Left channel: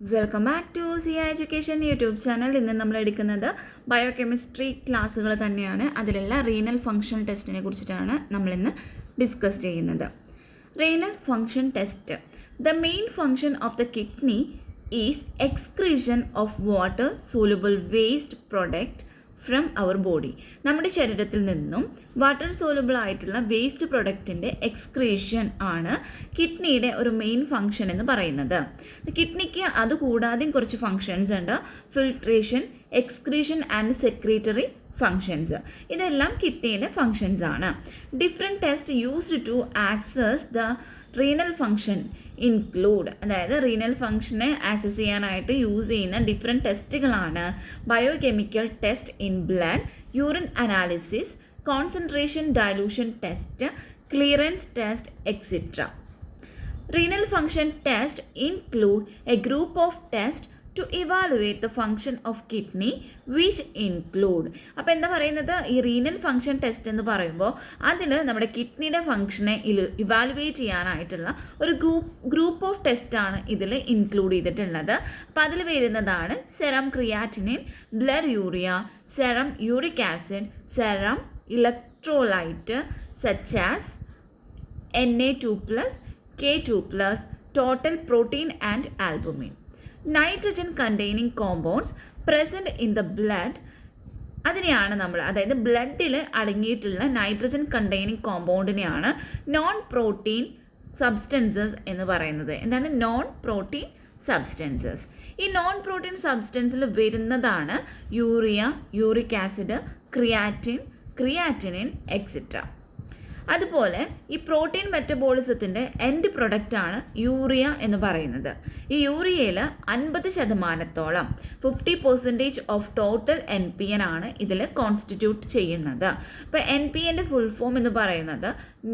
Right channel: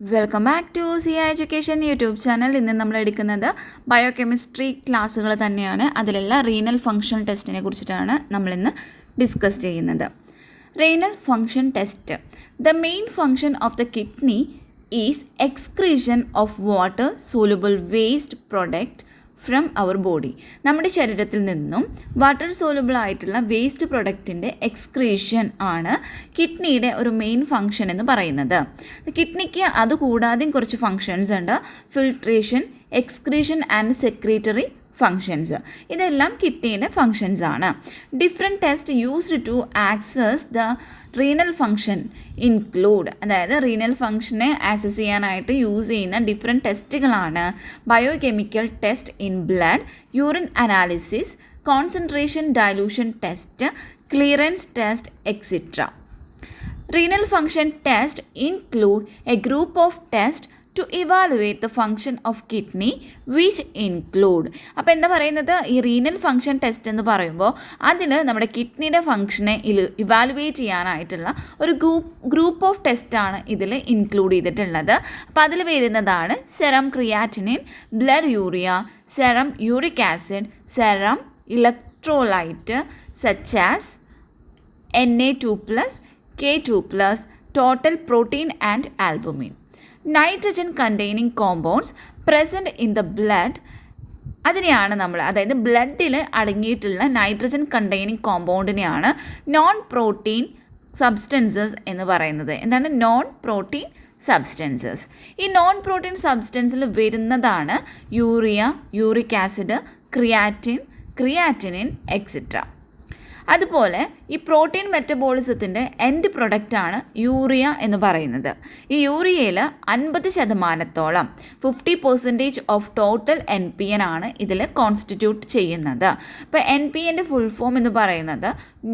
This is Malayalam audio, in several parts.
Welcome back to Zia education YouTube channel. ഇന്ന് നമ്മൾ എടുക്കുന്നത് ബയോകെമിസ്ട്രി ക്ലാസ്സുകൾ തന്നെയാണ്. അതിലുള്ള റീനൽ ഫങ്ഷൻ ടെസ്റ്റിനെ കുറിച്ചിട്ടാണ് നമ്മളിന്ന് ഡിസ്കസ് ചെയ്യുന്നത്. Renal function test. The main function of the kidney is excretion of water soluble waste product from our body. നമ്മുടെ ശരീരത്തിൽ നിന്നും വാട്ടർ സോലുബിൾ ആയിട്ടുള്ള വേസ്റ്റ് പ്രൊഡക്റ്റിൻ്റെ എക്സ്ക്രീഷൻ ആണ് കിഡ്നിയുടെ ഒരു മെയിൻ ഫങ്ഷൻ എന്ന് പറയുന്നത്. കിഡ്നിക്ക് അതുകൂടാതെയും കുറച്ച് ഫങ്ഷൻസ് ഉണ്ട്. Filtration, excretion and secretory functions. ഇതെല്ലാം കിഡ്നിയുടെ ഫങ്ഷൻസ് ആണ്. Different test used to access the renal function include, അതായത് റീനൽ ഫങ്ഷനെ ആക്സസ് ചെയ്യാനായിട്ട് യൂസ് ചെയ്യുന്ന ഡിഫറെൻറ്റ് ടെസ്റ്റുകളാണ് biochemical test in blood, urine analysis, concentration dilution test, clearance test, etcetera. Renal function test include a group of tests to evaluate the function of kidney which include. അപ്പോൾ എന്താ പറയുന്നത്, ഈ റീനൽ ഫങ്ഷൻ ടെസ്റ്റ് എന്ന് പറയുമ്പോൾ അതിൽ നമ്മുടെ കിഡ്നിയുടെ ഫങ്ഷനെ ഇവാലുവേറ്റ് ചെയ്യാനായിട്ടുള്ള ഒരു ഗ്രൂപ്പ് ഓഫ് ടെസ്റ്റാണ് ഇതിൽ ഇൻക്ലൂഡ് ചെയ്തിട്ടുള്ളത്. അപ്പോൾ അതിൽ വരുന്നതാണ് serum creatinine, blood urea, serum uric acid, serum electrolyte such as Na2+, K2+, total protein and albumin. Nitrogen containing compounds present in the blood, അതിനെയാണ് നമ്മൾ, അതായത് ബ്ലഡിൽ അടങ്ങിയിട്ടുള്ള നൈട്രജൻ കണ്ടെയ്നിങ് കോമ്പൗണ്ടിനെയാണ് നോൺ പ്രോട്ടീൻ സബ്സ്റ്റൻസസ് എന്ന് പറയുന്നത്. എന്താണ് നോൺ പ്രോട്ടീൻ സബ്സ്റ്റൻസസ്? ഈ നോൺ പ്രോട്ടീൻ സബ്സ്റ്റൻസിൽ വരുന്നതാണ് urea, uric acid, creatinine etcetera. അതുപോലെ ഈ പ്രോട്ടീൻ മെറ്റബോളിസത്തിൻ്റെ എൻഡ് പ്രൊഡക്റ്റാണ് യൂറിയ എന്ന് പറയുന്നത്. ഈ യൂറിയയിൽ 50% 50% ഓഫ് ടോട്ടൽ NPN ആണ് ഇതിൽ കോൺസ്റ്റിറ്റ്യൂട്ട് ചെയ്യുന്നത്. അപ്പോൾ NPNൻ്റെ ഫുൾ ഫോം എന്ന് പറയുന്നത്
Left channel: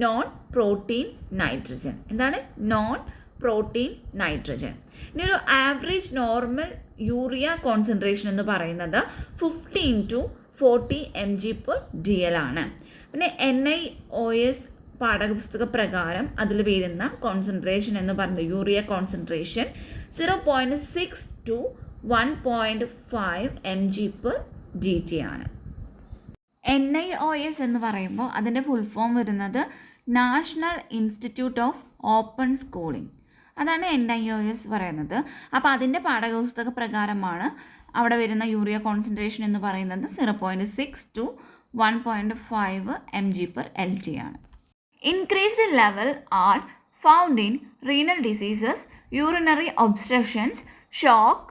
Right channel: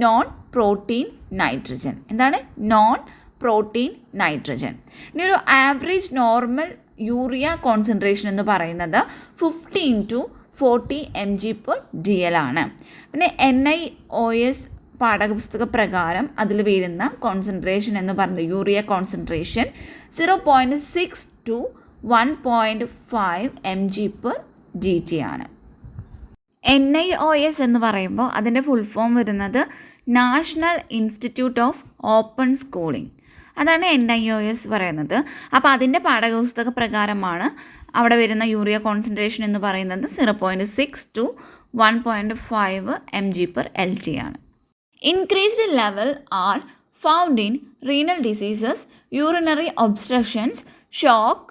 നോൺ പ്രോട്ടീൻ നൈട്രജൻ. എന്താണ് നോൺ പ്രോട്ടീൻ നൈട്രജൻ? ഇനി ഒരു ആവറേജ് നോർമൽ യൂറിയ കോൺസെൻട്രേഷൻ എന്ന് പറയുന്നത് 15 to 40 mg/dl ആണ്. പിന്നെ NIOS പാഠപുസ്തക പ്രകാരം അതിൽ വരുന്ന കോൺസെൻട്രേഷൻ എന്ന് പറയുന്നത് യൂറിയ കോൺസെൻട്രേഷൻ 0.6 to 1.5 mg/dt ആണ്. NIOS എന്ന് പറയുമ്പോൾ അതിൻ്റെ ഫുൾ ഫോം വരുന്നത് national institute of open schooling. അതാണ് NIOS പറയുന്നത്. അപ്പോൾ അതിൻ്റെ പാഠപുസ്തക പ്രകാരമാണ് അവിടെ വരുന്ന യൂറിയ കോൺസെൻട്രേഷൻ എന്ന് പറയുന്നത് 0.6 to 1.5 mg/lt ആണ്. Increased level are found in renal diseases, urinary obstructions, shock,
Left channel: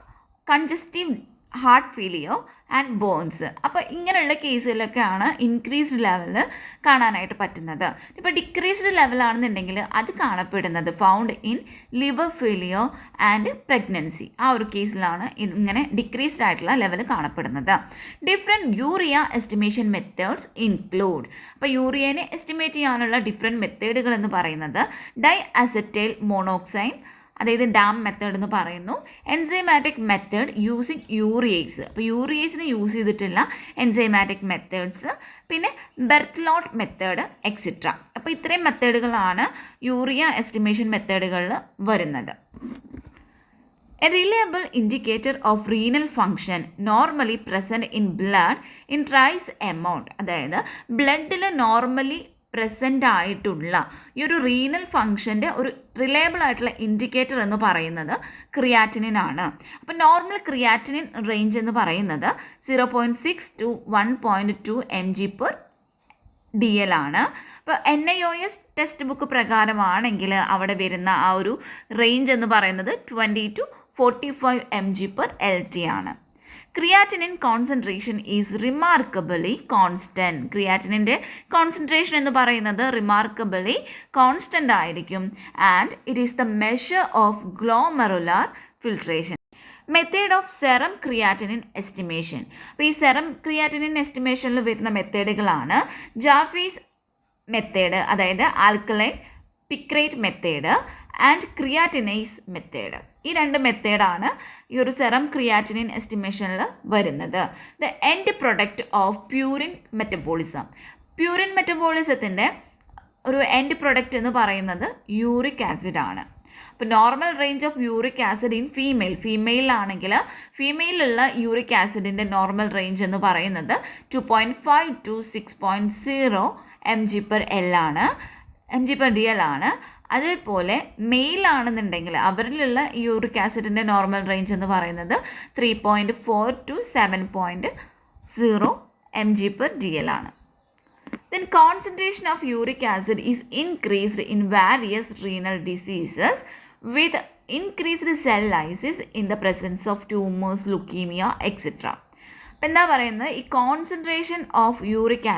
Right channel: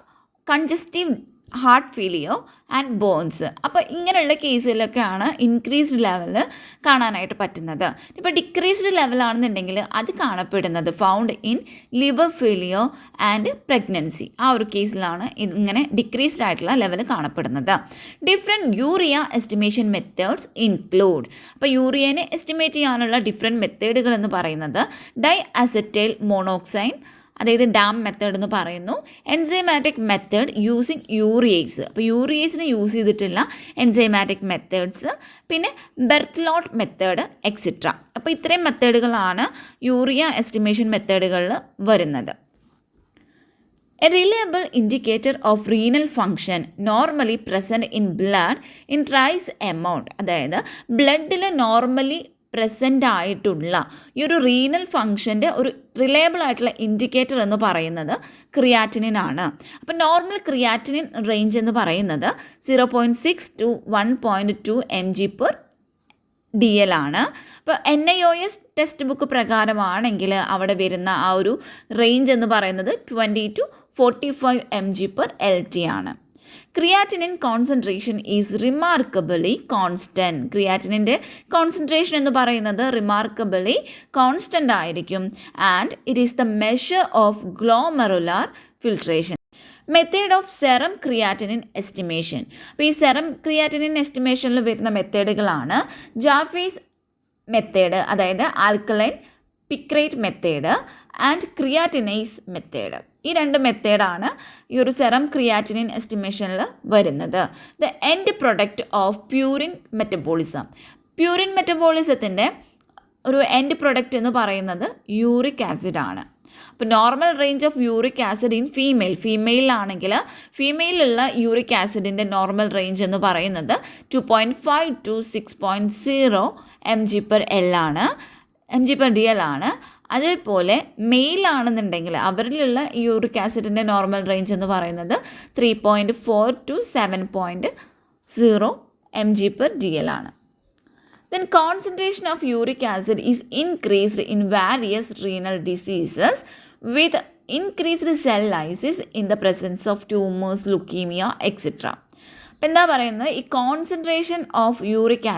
congestive heart failure and bones. അപ്പോൾ ഇങ്ങനെയുള്ള കേസുകളിലൊക്കെയാണ് ഇൻക്രീസ്ഡ് ലെവൽ കാണാനായിട്ട് പറ്റുന്നത്. ഇപ്പോൾ ഡിക്രീസ്ഡ് ലെവലാണെന്നുണ്ടെങ്കിൽ അത് കാണപ്പെടുന്നത് found in liver failure and pregnancy. ആ ഒരു കേസിലാണ് ഇങ്ങനെ ഡിക്രീസ്ഡ് ആയിട്ടുള്ള ലെവൽ കാണപ്പെടുന്നത്. Different urea estimation methods include. അപ്പോൾ യൂറിയനെ എസ്റ്റിമേറ്റ് ചെയ്യാനുള്ള ഡിഫറെൻറ്റ് മെത്തേഡുകൾ എന്ന് പറയുന്നത് ഡൈ അസറ്റൈൽ മോണോക്സൈഡ്, അതായത് ഡാം മെത്തേഡ് എന്ന് പറയുന്നു. എൻസൈമാറ്റിക് മെത്തേഡ് യൂസിങ് യൂറിയേസ്, അപ്പോൾ യൂറിയേസിന് യൂസ് ചെയ്തിട്ടുള്ള എൻസൈമാറ്റിക് മെത്തേഡ്സ്, പിന്നെ ബെർത്തലോട്ട് മെത്തേഡ് എക്സെട്ര. അപ്പോൾ ഇത്രയും മെത്തേഡുകളാണ് യൂറിയ എസ്റ്റിമേഷൻ മെത്തേഡുകളിൽ വരുന്നത്. A reliable indicator of renal function normally present in blood in trace amount, അതായത് ബ്ലഡിൽ നോർമലി പ്രസൻ്റ് ആയിട്ടുള്ള ഈ ഒരു റീനൽ ഫങ്ഷൻ്റെ ഒരു റിലയബിൾ ആയിട്ടുള്ള ഇൻഡിക്കേറ്റർ എന്ന് പറയുന്നത് ക്രിയാറ്റിനിൻ ആണ്. അപ്പോൾ നോർമൽ ക്രിയാറ്റിനിൻ റേഞ്ച് എന്ന് പറയുന്നത് 0.6 to 1.2 mg/dl ആണ്. അപ്പോൾ NIOS ടെക്സ്റ്റ് ബുക്ക് പ്രകാരമാണെങ്കിൽ അവിടെ വരുന്ന ആ ഒരു റേഞ്ച് എന്ന് പറയുന്നത് 20 to 45 mg/lt ആണ്. Creatinine concentration is remarkably constant. ക്രിയാറ്റിനിൻ്റെ കോൺസെൻട്രേഷൻ എന്ന് പറയുന്നത് റിമാർക്കബിളി കോൺസ്റ്റൻ്റ് ആയിരിക്കും. And it is the measure of glomerular filtration. Method of serum creatinine estimation. അപ്പോൾ ഈ സെറം ക്രിയാറ്റിനിൻ എസ്റ്റിമേഷനിൽ വരുന്ന മെത്തേഡുകളാണ് ജാഫീസ് മെത്തേഡ്, അതായത് alkaline picrate method and creatininase method. ഈ രണ്ട് മെത്തേഡാണ് ഈ ഒരു സെറം ക്രിയാറ്റിനിൻ എസ്റ്റിമേഷനിൽ വരുന്നത്. The end product of purine metabolism. Purine മെറ്റബോളിസത്തിൻ്റെ ഒരു എൻഡ് പ്രൊഡക്റ്റ് എന്ന് പറയുന്നത് യൂറിക് ആസിഡ് ആണ്. അപ്പോൾ normal range of uric acid in ഫീമെയിലാണെങ്കിൽ ഫീമെയിലുള്ള യൂറിക് ആസിഡിൻ്റെ നോർമൽ റേഞ്ച് എന്ന് പറയുന്നത് 2.5 to 6.0 mg/L ആണ്, mg/dl ആണ്. അതേപോലെ മെയിലാണെന്നുണ്ടെങ്കിൽ അവരിലുള്ള യൂറിക് ആസിഡിൻ്റെ നോർമൽ റേഞ്ച് എന്ന് പറയുന്നത് 3.4 to 7.0 mg/dl ആണ്. Then concentration of uric acid is increased in various renal diseases with increased cell lysis in the presence of tumors, leukemia, etc. അപ്പം എന്താ പറയുന്നത്, ഈ കോൺസെൻട്രേഷൻ ഓഫ് യൂറിക്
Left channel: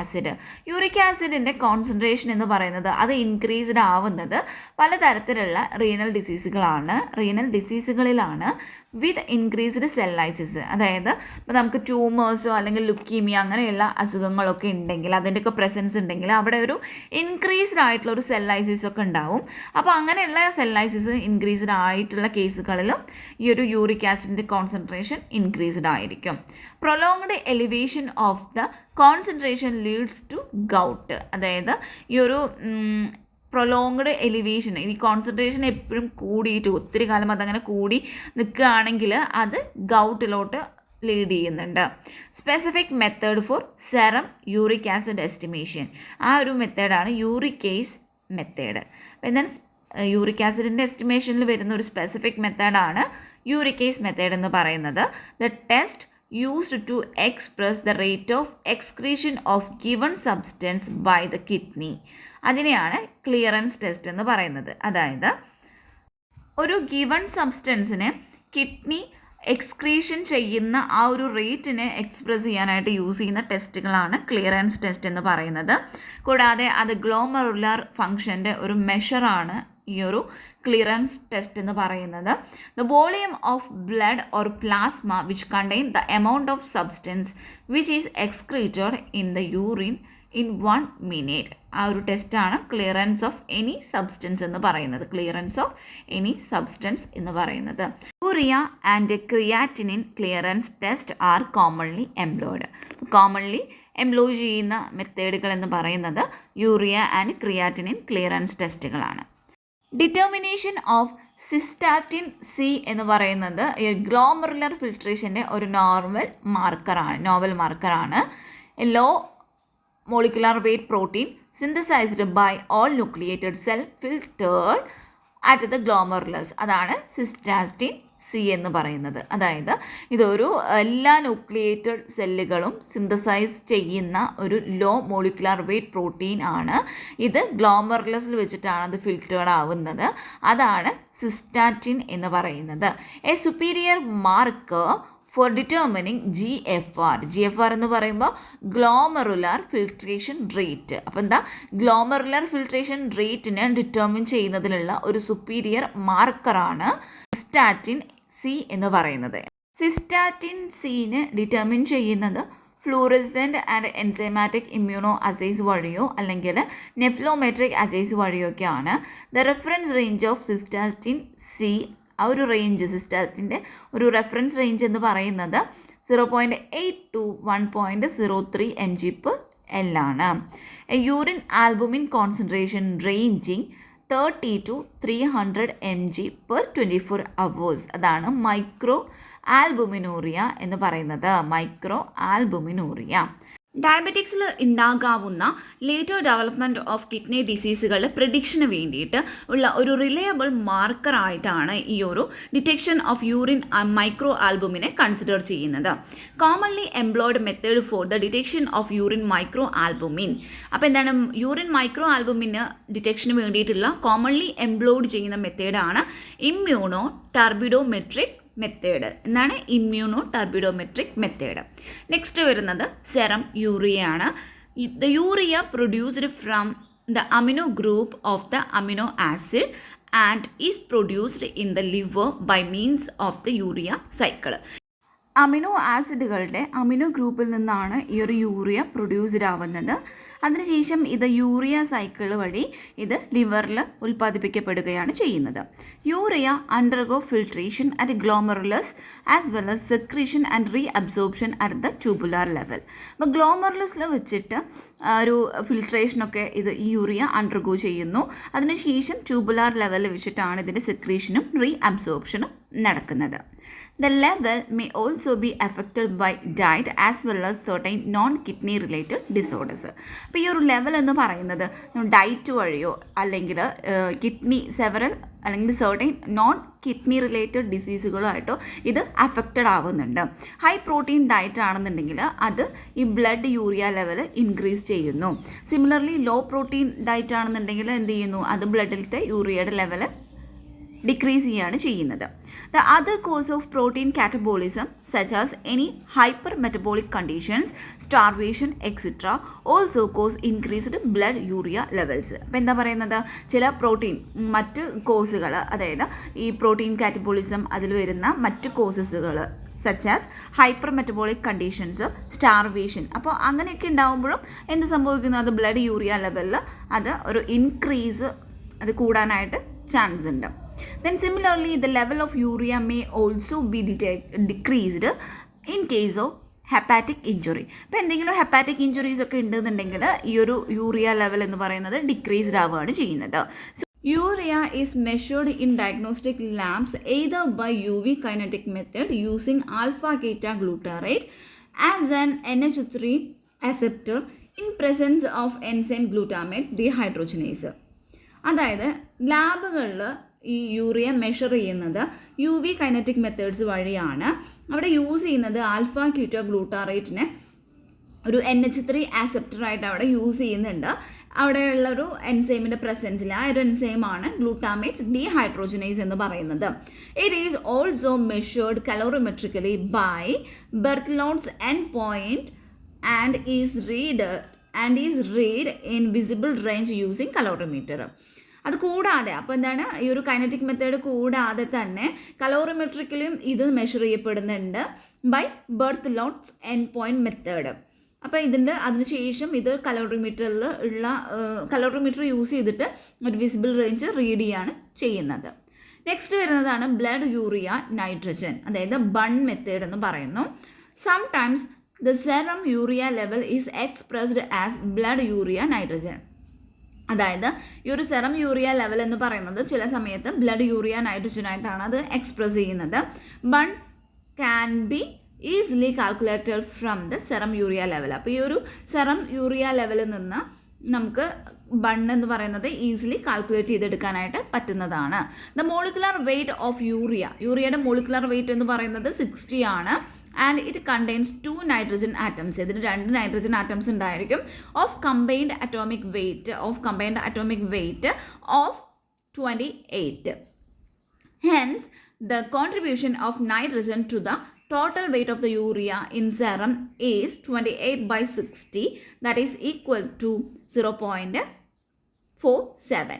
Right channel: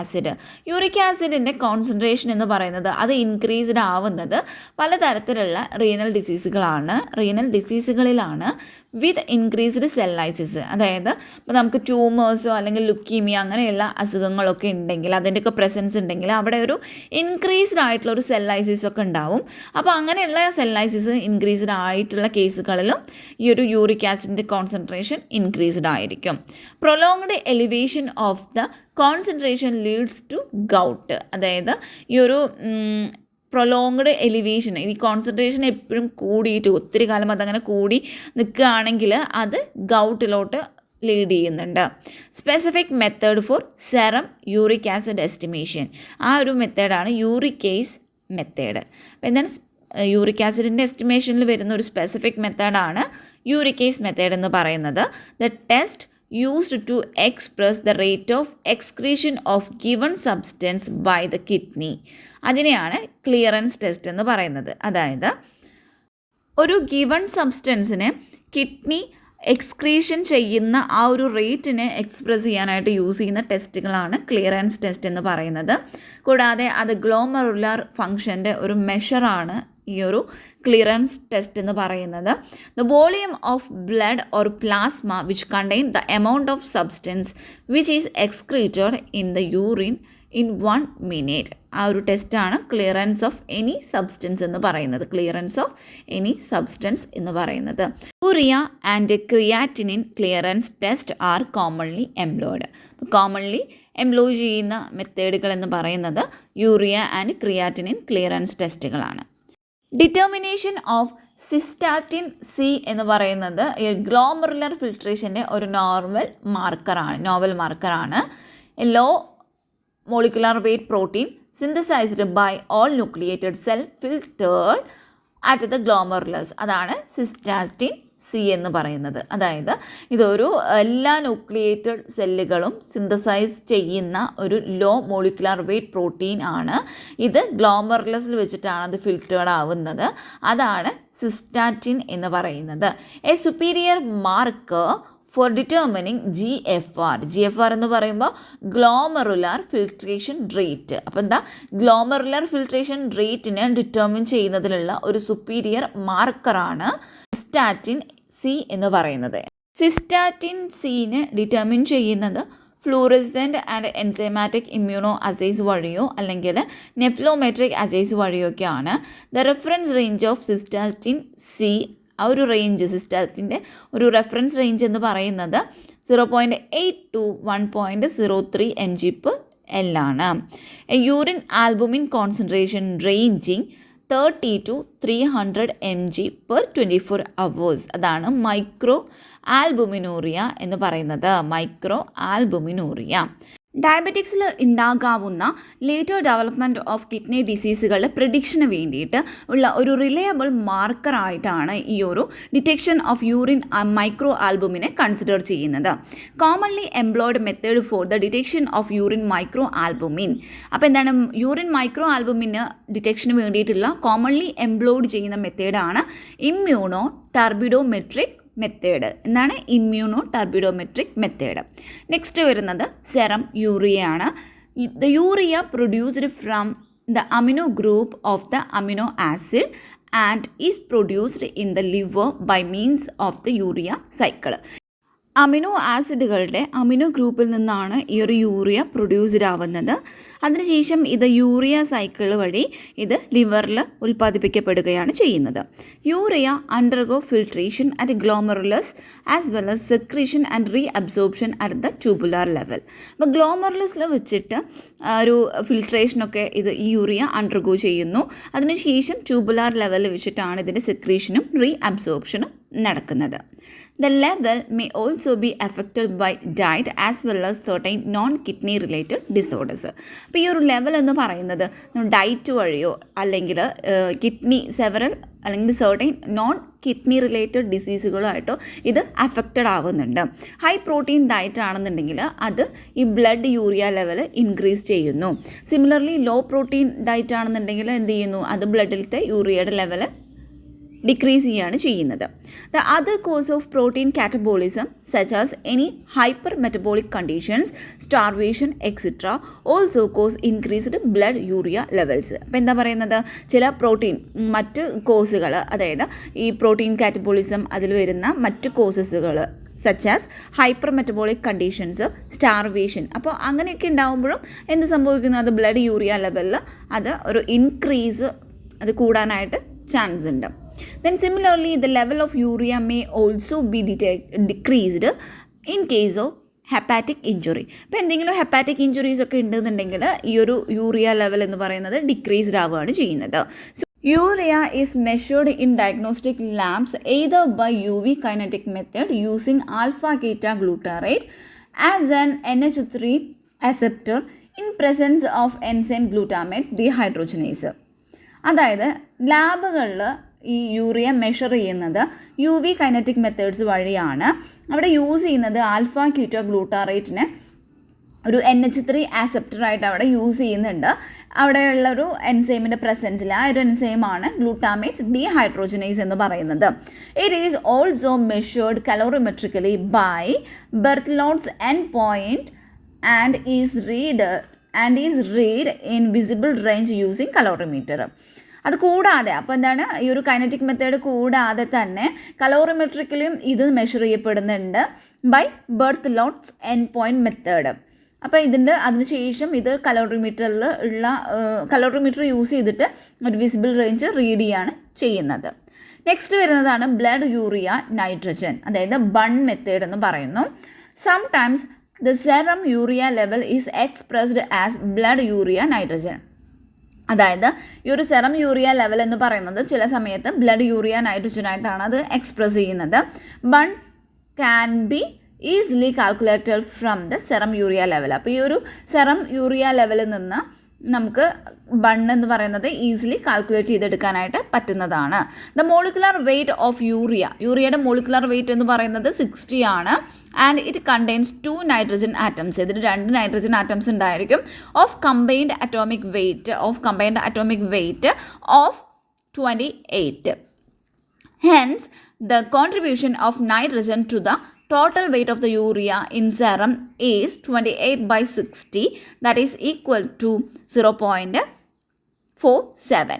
ആസിഡിൻ്റെ കോൺസെൻട്രേഷൻ എന്ന് പറയുന്നത് അത് ഇൻക്രീസ്ഡ് ആവുന്നത് പലതരത്തിലുള്ള റീനൽ ഡിസീസുകളിലാണ് വിത്ത് ഇൻക്രീസ്ഡ് സെൽ ലൈസിസ്. അതായത് ഇപ്പോൾ നമുക്ക് ട്യൂമേഴ്സോ അല്ലെങ്കിൽ ലുക്കീമിയ അങ്ങനെയുള്ള അസുഖങ്ങളൊക്കെ ഉണ്ടെങ്കിൽ അതിൻ്റെയൊക്കെ പ്രസൻസ് ഉണ്ടെങ്കിൽ അവിടെ ഒരു ഇൻക്രീസ്ഡ് ആയിട്ടുള്ള ഒരു സെൽ ലൈസിസ് ഒക്കെ ഉണ്ടാവും. അപ്പോൾ അങ്ങനെയുള്ള സെൽ ലൈസിസ് ഇൻക്രീസ്ഡ് ആയിട്ടുള്ള കേസുകളിലും ഈ ഒരു യൂറിക് ആസിഡിൻ്റെ കോൺസെൻട്രേഷൻ ഇൻക്രീസ്ഡ് ആയിരിക്കും. Prolonged elevation of the concentration leads to gout. അതായത് ഈ ഒരു പ്രൊലോങ്ഡ് എലിവേഷൻ, ഈ കോൺസെൻട്രേഷൻ എപ്പോഴും കൂടിയിട്ട് ഒത്തിരി കാലം അതങ്ങനെ കൂടി നിൽക്കുകയാണെങ്കിൽ അത് ഗൗട്ടിലോട്ട് ലീഡ് ചെയ്യുന്നുണ്ട്. Specific method for serum uric acid estimation, ആ ഒരു മെത്തേഡാണ് യൂറിക്കേസ് മെത്തേഡ്. അപ്പോൾ എന്താണ് യൂറിക് ആസിഡിൻ്റെ എസ്റ്റിമേഷനിൽ വരുന്ന ഒരു സ്പെസിഫിക് മെത്തേഡാണ് യൂറിക്കേസ് മെത്തേഡ് എന്ന് പറയുന്നത്. The test used to express the rate of excretion of given substance by the kidney. അതിനെയാണ് ക്ലിയറൻസ് ടെസ്റ്റ് എന്ന് പറയുന്നത്. അതായത് ഒരു ഗിവൺ സബ്സ്റ്റൻസിനെ കിഡ്നി എക്സ്ക്രീഷൻ ചെയ്യുന്ന ആ ഒരു റേറ്റിനെ എക്സ്പ്രസ് ചെയ്യാനായിട്ട് യൂസ് ചെയ്യുന്ന ടെസ്റ്റുകളാണ് ക്ലിയറൻസ് ടെസ്റ്റ് എന്ന് പറയുന്നത്. കൂടാതെ അത് ഗ്ലോമറുലാർ ഫങ്ഷൻ്റെ ഒരു മെഷറാണ് ഈ ഒരു ക്ലിയറൻസ് ടെസ്റ്റ് എന്ന് പറയുന്നത്. The volume of blood or plasma which contain the amount of substance which is excreted in the urine in 1 minute. ആ ഒരു ടെസ്റ്റാണ് ക്ലിയറൻസ് ഓഫ് എനി സബ്സ്റ്റൻസ് എന്ന് പറയുന്നത്. Urea and creatinine clearance test are commonly employed. Commonly employ ചെയ്യുന്ന മെത്തേഡുകൾ എന്ന് പറയുന്നത് യൂറിയ ആൻഡ് ക്രിയാറ്റിനിൻ ക്ലിയറൻസ് ടെസ്റ്റുകളാണ്. ഡിറ്റർമിനേഷൻ ഓഫ് സിസ്റ്റാറ്റിൻ സി എന്ന് പറയുന്നത് ഗ്ലോമറുലർ ഫിൽട്രേഷൻ്റെ ഒരു നോവൽ മാർക്കറാണ്. Low molecular weight protein synthesized by all nucleated cell filtered at the glomerulus. അതാണ് സിസ്റ്റാറ്റിൻ സി എന്ന് പറയുന്നത്. അതായത് ഇതൊരു എല്ലാ ന്യൂക്ലിയേറ്റഡ് സെല്ലുകളും സിന്തസൈസ് ചെയ്യുന്ന ഒരു ലോ മോളിക്കുലാർ വെയ്റ്റ് പ്രോട്ടീൻ ആണ്. ഇത് ഗ്ലോമറുലസിൽ വെച്ചിട്ടാണ് അത് ഫിൽറ്റേർഡ് ആവുന്നത്. അതാണ് സിസ്റ്റാറ്റിൻ എന്ന് പറയുന്നത്. A superior marker for determining GFR എന്ന് പറയുമ്പോൾ ഗ്ലോമറുലാർ ഫിൽട്രേഷൻ റേറ്റ്. അപ്പോൾ എന്താ, ഗ്ലോമറുലാർ ഫിൽട്രേഷൻ റേറ്റിനെ ഡിറ്റർമിൻ ചെയ്യുന്നതിലുള്ള ഒരു സുപ്പീരിയർ മാർക്കറാണ് സിസ്റ്റാറ്റിൻ സി എന്ന് പറയുന്നത്. സിസ്റ്റാറ്റിൻ സീനെ ഡിറ്റർമിൻ ചെയ്യുന്നത് fluorescent and enzymatic immunoassays വഴിയോ അല്ലെങ്കിൽ നെഫ്ലോമെട്രിക് അസൈസ് വഴിയൊക്കെയാണ്. The reference range of cystatin C, ആ ഒരു റേഞ്ച് സിസ്റ്റാറ്റിൻ്റെ ഒരു റെഫറൻസ് റേഞ്ച് എന്ന് പറയുന്നത് 0.8 to 1.03 mg/L ആണ്. Urine albumin concentration ranging 30 to 300 mg/24 hours. അതാണ് മൈക്രോ ആൽബുമിനൂറിയ എന്ന് പറയുന്നത്. ഡയബറ്റിക്സിൽ ഉണ്ടാകാവുന്ന ലേറ്റർ ഡെവലപ്മെൻറ്റ് ഓഫ് കിഡ്നി ഡിസീസുകളുടെ പ്രിഡിക്ഷന് വേണ്ടിയിട്ട് ഉള്ള ഒരു റിലയബിൾ മാർക്കറായിട്ടാണ് ഈ ഒരു ഡിറ്റക്ഷൻ ഓഫ് യൂറിൻ മൈക്രോ ആൽബുമിനെ കൺസിഡർ ചെയ്യുന്നത്. Commonly employed method for the detection of urine micro albumin. അപ്പോൾ എന്താണ്, യൂറിൻ മൈക്രോ ആൽബുമിന് ഡിറ്റക്ഷന് വേണ്ടിയിട്ടുള്ള കോമൺലി എംപ്ലോയ്ഡ് ചെയ്യുന്ന മെത്തേഡാണ് ഇമ്മ്യൂണോ ടർബിഡോമെട്രിക് മെത്തേഡ്. എന്താണ് ഇമ്മ്യൂണോ ടർബിഡോമെട്രിക് മെത്തേഡ്. നെക്സ്റ്റ് വരുന്നത് സെറം യൂറിയ ആണ്. The urea produced from the amino group of the amino acid and is produced in the liver by means of the urea cycle. Amino ആസിഡുകളുടെ അമിനോ ഗ്രൂപ്പിൽ നിന്നാണ് ഈ ഒരു യൂറിയ പ്രൊഡ്യൂസ്ഡ് ആവുന്നത്. അതിനുശേഷം ഇത് യൂറിയ സൈക്കിൾ വഴി ഇത് ലിവറിൽ ഉൽപ്പാദിപ്പിക്കപ്പെടുകയാണ് ചെയ്യുന്നത്. Urea undergo filtration at glomerulus as well as secretion and re absorption at the tubular level. അപ്പോൾ ഗ്ലോമറുലസിൽ വെച്ചിട്ട് ഒരു ഫിൽട്രേഷനൊക്കെ ഇത് ഈ യൂറിയ അണ്ടർഗോ ചെയ്യുന്നു. അതിനുശേഷം ട്യൂബുലാർ ലെവലിൽ വെച്ചിട്ടാണ് ഇതിൻ്റെ സെക്രീഷനും റീ അബ്സോർപ്ഷനും നടക്കുന്നത്. The level may also be affected by diet as well as certain non-kidney related disorders. അപ്പോൾ ഈ ഒരു ലെവൽ എന്ന് പറയുന്നത് ഡയറ്റ് വഴിയോ അല്ലെങ്കിൽ സെവറൽ അല്ലെങ്കിൽ സർട്ടൈൻ നോൺ കിഡ്നി റിലേറ്റഡ് ഡിസീസുകളായിട്ടോ ഇത് അഫക്റ്റഡ് ആവുന്നുണ്ട്. ഹൈ പ്രോട്ടീൻ ഡയറ്റ് ആണെന്നുണ്ടെങ്കിൽ അത് ഈ ബ്ലഡ് യൂറിയ ലെവൽ ഇൻക്രീസ് ചെയ്യുന്നു. സിമിലർലി ലോ പ്രോട്ടീൻ ഡയറ്റ് ആണെന്നുണ്ടെങ്കിൽ എന്ത് ചെയ്യുന്നു, അത് ബ്ലഡിലത്തെ യൂറിയയുടെ ലെവൽ ഡിക്രീസ് ചെയ്യുകയാണ് ചെയ്യുന്നത്. The other cause of protein catabolism such as any hypermetabolic conditions, starvation, etc. also cause increased blood urea levels. അപ്പോൾ എന്താ പറയുന്നത്, ചില പ്രോട്ടീൻ മറ്റ് കോസുകൾ, അതായത് ഈ പ്രോട്ടീൻ കാറ്റബോളിസം അതിൽ വരുന്ന മറ്റ് കോസസുകൾ such as hyper metabolic conditions, starvation, അപ്പോൾ അങ്ങനെയൊക്കെ ഉണ്ടാകുമ്പോഴും എന്ത് സംഭവിക്കുന്നു, അത് ബ്ലഡ് യൂറിയ ലെവലിൽ അത് ഒരു ഇൻക്രീസ് അത് കൂടാനായിട്ട് ചാൻസ് ഉണ്ട്. Then similarly the level of urea may also be decreased in case of hepatic injury. ഇപ്പോൾ എന്തെങ്കിലും ഹെപ്പാറ്റിക് ഇഞ്ചുറീസ് ഒക്കെ ഉണ്ടെന്നുണ്ടെങ്കിൽ ഈ ഒരു യൂറിയ ലെവൽ എന്ന് പറയുന്നത് ഡിക്രീസ്ഡ് ആവുകയാണ് ചെയ്യുന്നത്. So urea is measured in diagnostic labs either by UV kinetic method using alpha beta glutarate as an NH3 acceptor in presence of enzyme glutamate dehydrogenase. അതായത് ലാബുകളിൽ ഈ യൂറിയ മെഷർ ചെയ്യുന്നത് UV കൈനറ്റിക് മെത്തേഡ്സ് വഴിയാണ്. അവിടെ യൂസ് ചെയ്യുന്നത് ആൽഫ ക്യൂറ്റോ ഗ്ലൂട്ടാറേറ്റിനെ ഒരു NH3 ആക്സെപ്റ്ററായിട്ട് അവിടെ യൂസ് ചെയ്യുന്നുണ്ട്. അവിടെയുള്ളൊരു എൻസൈമിൻ്റെ പ്രസൻസിൽ ആ ഒരു എൻസൈമാണ് ഗ്ലൂട്ടാമേറ്റ് ഡീഹൈഡ്രോജനേസ് എന്ന് പറയുന്നത്. It is also measured colorimetrically by Berthelot's end point and is read in visible range using colorimeter. അത് കൂടാതെ അപ്പോൾ എന്താണ്, ഈ ഒരു കൈനറ്റിക് മെത്തേഡ് കൂടാതെ തന്നെ കലോറിമെട്രിക്കലും ഇത് മെഷർ ചെയ്യപ്പെടുന്നുണ്ട് by Berthelot's end point method. അപ്പോൾ അതിനുശേഷം ഇത് കലോറിമീറ്റർ യൂസ് ചെയ്തിട്ട് ഒരു വിസിബിൾ റേഞ്ച് റീഡ് ചെയ്യാണ് ചെയ്യുന്നത്. നെക്സ്റ്റ് വരുന്നതാണ് ബ്ലഡ് യൂറിയ നൈട്രജൻ, അതായത് ബൺ മെത്തേഡ് എന്ന് പറയുന്നു. Sometimes the serum urea level is expressed as blood urea nitrogen. അതായത് ഈ ഒരു സെറം യൂറിയ ലെവൽ എന്ന് പറയുന്നത് ചില സമയത്ത് ബ്ലഡ് യൂറിയ നൈട്രജനായിട്ടാണ് അത് എക്സ്പ്രസ് ചെയ്യുന്നത്. Bun can be easily calculated from the serum urea level. അപ്പോൾ ഈ ഒരു സെറം യൂറിയ ലെവലിൽ നിന്ന് നമുക്ക് ബൺ എന്ന് പറയുന്നത് ഈസിലി കാൽക്കുലേറ്റ് ചെയ്തെടുക്കാനായിട്ട് പറ്റുന്നതാണ്. ദ മോളിക്കുലർ വെയ്റ്റ് ഓഫ് യൂറിയയുടെ മോളിക്കുലർ വെയ്റ്റ് എന്ന് പറയുന്നത് 60 ആണ്. And it contains 2 nitrogen atoms. ഇതിൽ 2 നൈട്രജൻ ആറ്റംസ് ഉണ്ടായിരിക്കും. Of combined atomic weight of 28. Hence the contribution of nitrogen to the total weight of the urea in serum is 28/60, that is equal to 0.47.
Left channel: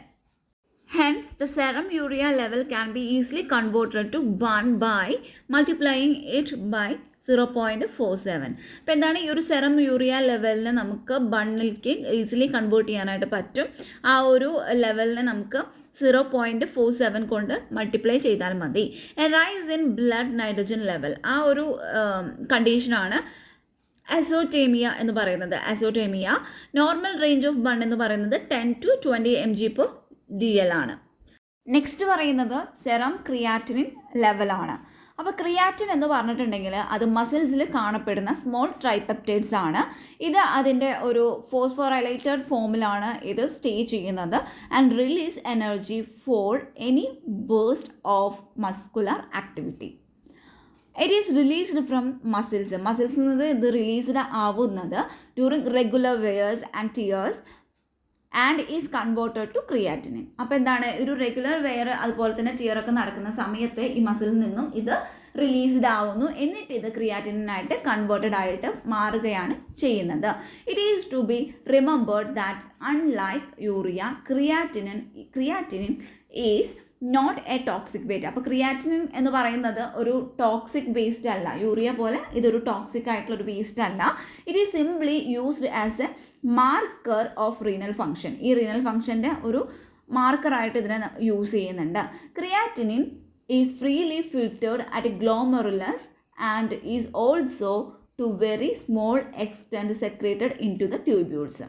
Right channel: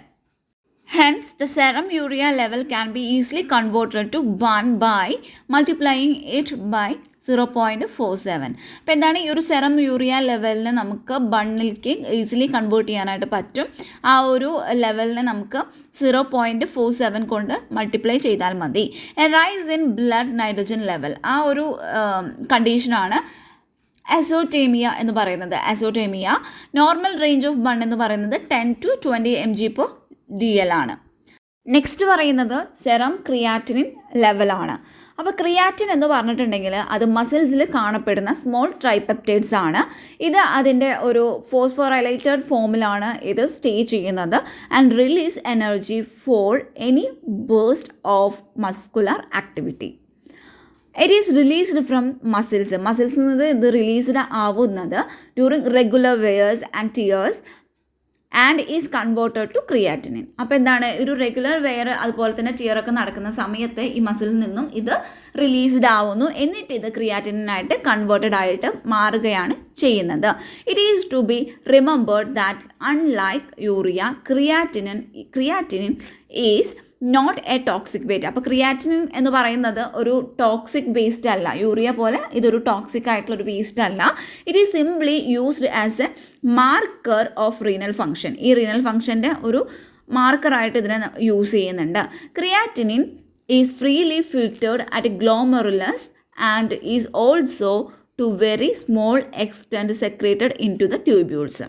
Hence, the serum urea level can be easily converted to 1 by multiplying it by 0.47. അപ്പോൾ എന്താണ്, ഈ ഒരു സെറം യൂറിയ ലെവലിന് നമുക്ക് ബണ്ണിലേക്ക് ഈസിലി കൺവേർട്ട് ചെയ്യാനായിട്ട് പറ്റും. ആ ഒരു ലെവലിനെ നമുക്ക് 0.47 കൊണ്ട് മൾട്ടിപ്ലൈ ചെയ്താൽ മതി. A rice in blood nitrogen level, ആ ഒരു കണ്ടീഷനാണ് അസോട്ടേമിയ എന്ന് പറയുന്നത്. നോർമൽ റേഞ്ച് ഓഫ് ബൺ എന്ന് പറയുന്നത് 10 to 20 mg/dl ആണ്. നെക്സ്റ്റ് പറയുന്നത് സെറം ക്രിയാറ്റിനിൻ ലെവലാണ്. അപ്പോൾ ക്രിയാറ്റിൻ എന്ന് പറഞ്ഞിട്ടുണ്ടെങ്കിൽ അത് മസിൽസിൽ കാണപ്പെടുന്ന സ്മോൾ ട്രൈപെപ്റ്റൈഡ്സ് ആണ്. ഇത് അതിൻ്റെ ഒരു ഫോസ്ഫോറൈലേറ്റഡ് ഫോമിലാണ് ഇത് സ്റ്റേ ചെയ്യുന്നത്. And release energy for any burst of muscular activity. It is released from മസിൽസിൽ നിന്ന് ഇത് റിലീസ്ഡ് ആവുന്നത് during regular wears and tears and is converted to creatinine. അപ്പോൾ എന്താണ്, ഒരു റെഗുലർ വെയർ അതുപോലെ തന്നെ ടിയറൊക്കെ നടക്കുന്ന സമയത്ത് ഈ മസിലിൽ നിന്നും ഇത് റിലീസ്ഡ് ആവുന്നു. എന്നിട്ട് ഇത് ക്രിയാറ്റിനായിട്ട് കൺവേർട്ടഡ് ആയിട്ട് മാറുകയാണ് ചെയ്യുന്നത്. It is to be remembered that unlike urea, creatinine is not a toxic waste. അപ്പോൾ ക്രിയാറ്റിനിൻ എന്ന് പറയുന്നത് ഒരു ടോക്സിക് വേസ്റ്റ് അല്ല, യൂറിയ പോലെ ഇതൊരു ടോക്സിക് ആയിട്ടുള്ള ഒരു വേസ്റ്റ് അല്ല. It is simply used as a marker of renal function. ഈ റീനൽ ഫങ്ഷൻ്റെ ഒരു മാർക്കറായിട്ട് ഇതിനെ യൂസ് ചെയ്യുന്നുണ്ട്. Creatinine is freely filtered at glomerulus and is also to very small extent secreted into the tubules.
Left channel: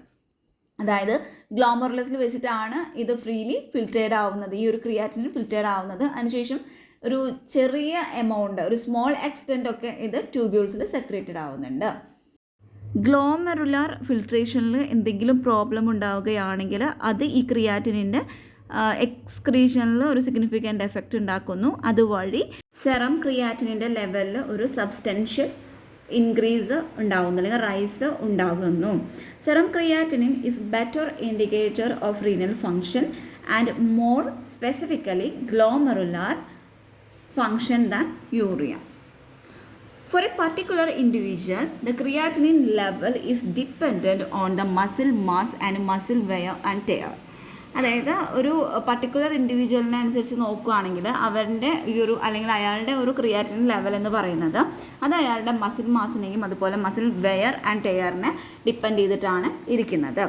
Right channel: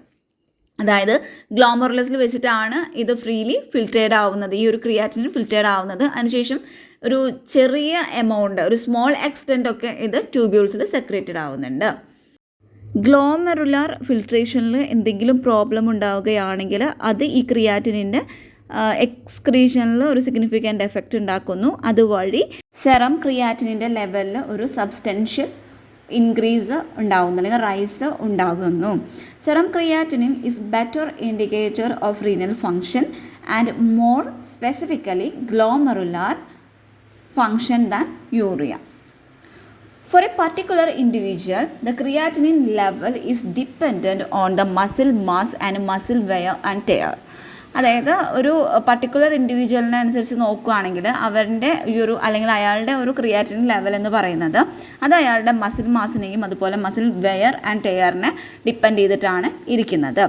അതായത് ഗ്ലോമെറുലസിൽ വെച്ചിട്ടാണ് ഇത് ഫ്രീലി ഫിൽറ്റേർഡ് ആവുന്നത്, ഈ ഒരു ക്രിയാറ്റിനിൻ ഫിൽറ്റേർഡ് ആവുന്നത്. അതിനുശേഷം ഒരു ചെറിയ എമൗണ്ട്, ഒരു സ്മോൾ എക്സ്റ്റെൻ്റ് ഒക്കെ ഇത് ട്യൂബ്യൂൾസിൽ സെക്രേറ്റഡ് ആവുന്നുണ്ട്. ഗ്ലോമെറുലാർ ഫിൽട്രേഷനിൽ എന്തെങ്കിലും പ്രോബ്ലം ഉണ്ടാവുകയാണെങ്കിൽ അത് ഈ ക്രിയാറ്റിനിൻ്റെ എക്സ്ക്രീഷനിൽ ഒരു സിഗ്നിഫിക്കൻ്റ് എഫക്റ്റ് ഉണ്ടാക്കുന്നു. അതുവഴി സെറം ക്രിയാറ്റിനിൻ്റെ ലെവലിൽ ഒരു സബ്സ്റ്റൻഷ്യൽ ഇൻക്രീസ് ഉണ്ടാകുന്നു, അല്ലെങ്കിൽ റൈസ് ഉണ്ടാകുന്നു. Serum creatinine is better indicator of renal function and more specifically glomerular function than urea. For a particular individual, the creatinine level is dependent on the muscle mass and muscle wear and tear. അതായത് ഒരു പർട്ടിക്കുലർ ഇൻഡിവിജ്വലിനെ അനുസരിച്ച് നോക്കുകയാണെങ്കിൽ അവരുടെ ഈ ഒരു അല്ലെങ്കിൽ അയാളുടെ ഒരു ക്രിയാറ്റിനിൻ ലെവൽ എന്ന് പറയുന്നത് അത് അയാളുടെ മസിൽ മാസിനെയും അതുപോലെ മസിൽ വെയർ ആൻഡ് ടെയറിനെ ഡിപ്പെൻഡ് ചെയ്തിട്ടാണ് ഇരിക്കുന്നത്.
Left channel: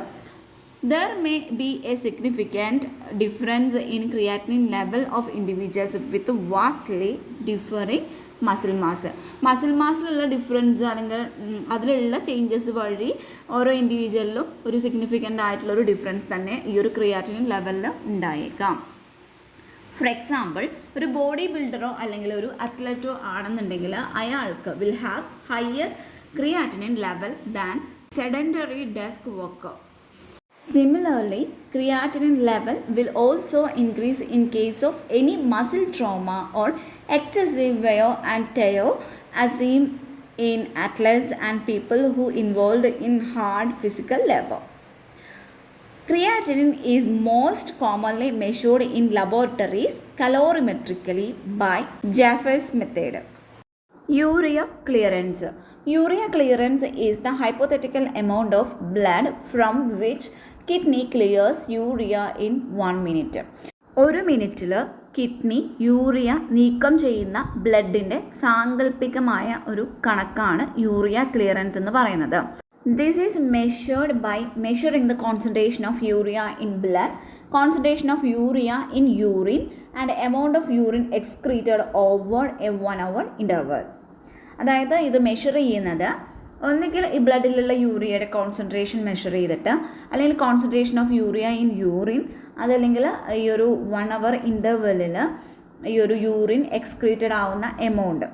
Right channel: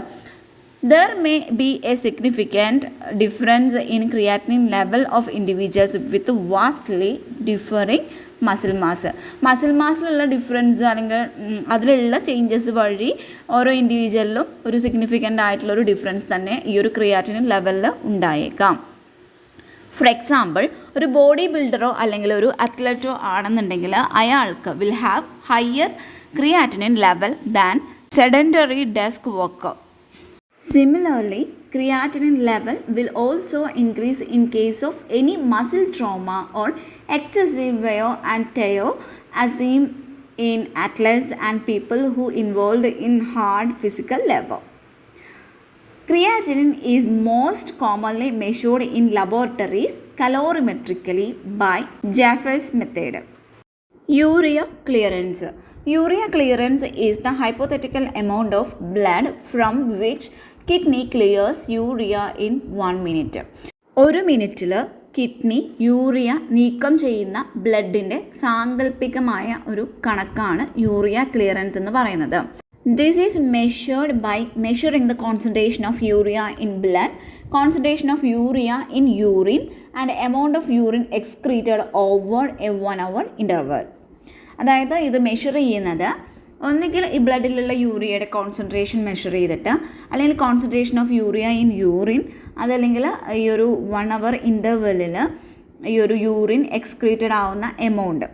There may be a significant difference in creatinine level of individuals with vastly differing muscle മാസിലുള്ള ഡിഫറൻസ് അല്ലെങ്കിൽ അതിലുള്ള ചേഞ്ചസ് വഴി ഓരോ ഇൻഡിവിജ്വലിലും ഒരു സിഗ്നിഫിക്കൻ്റ് ആയിട്ടുള്ളൊരു ഡിഫറൻസ് തന്നെ ഈ ഒരു ക്രിയാറ്റിനിൻ ലെവലിൽ ഉണ്ടായേക്കാം. ഫോർ എക്സാമ്പിൾ, ഒരു ബോഡി ബിൽഡറോ അല്ലെങ്കിൽ ഒരു അത്ലറ്റോ ആണെന്നുണ്ടെങ്കിൽ അയാൾക്ക് will have higher creatinine level than sedentary desk worker. Similarly, creatinine level will also increase in case of any muscle trauma or excessive wear and tear as seen in athletes and people who involved in hard physical labor. Creatinine is most commonly measured in laboratories calorimetrically by Jeffreys method. Urea clearance. Urea clearance is the hypothetical amount of blood from which kidney clears urea in 1 minute. ഒരു മിനിറ്റിൽ കിഡ്നി യൂറിയ നീക്കം ചെയ്യുന്ന ബ്ലഡിൻ്റെ സാങ്കല്പികമായ ഒരു കണക്കാണ് യൂറിയ ക്ലിയറൻസ് എന്ന് പറയുന്നത്. This is measured by measuring the concentration of urea in blood, concentration of urea in urine and amount of urine excreted over a 1 hour interval. അതായത് ഇത് മെഷർ ചെയ്യുന്നത് ഒന്നുകിൽ ഈ ബ്ലഡിലുള്ള യൂറിയയുടെ കോൺസെൻട്രേഷൻ മെഷർ ചെയ്തിട്ട്, അല്ലെങ്കിൽ concentration of urea in urine, അതല്ലെങ്കിൽ ഈ ഒരു 1 hour ഇൻ്റർവെല്ലിൽ ഈ ഒരു യൂറിൻ എക്സ്ക്രീറ്റഡ് ആവുന്ന എമൗണ്ട്,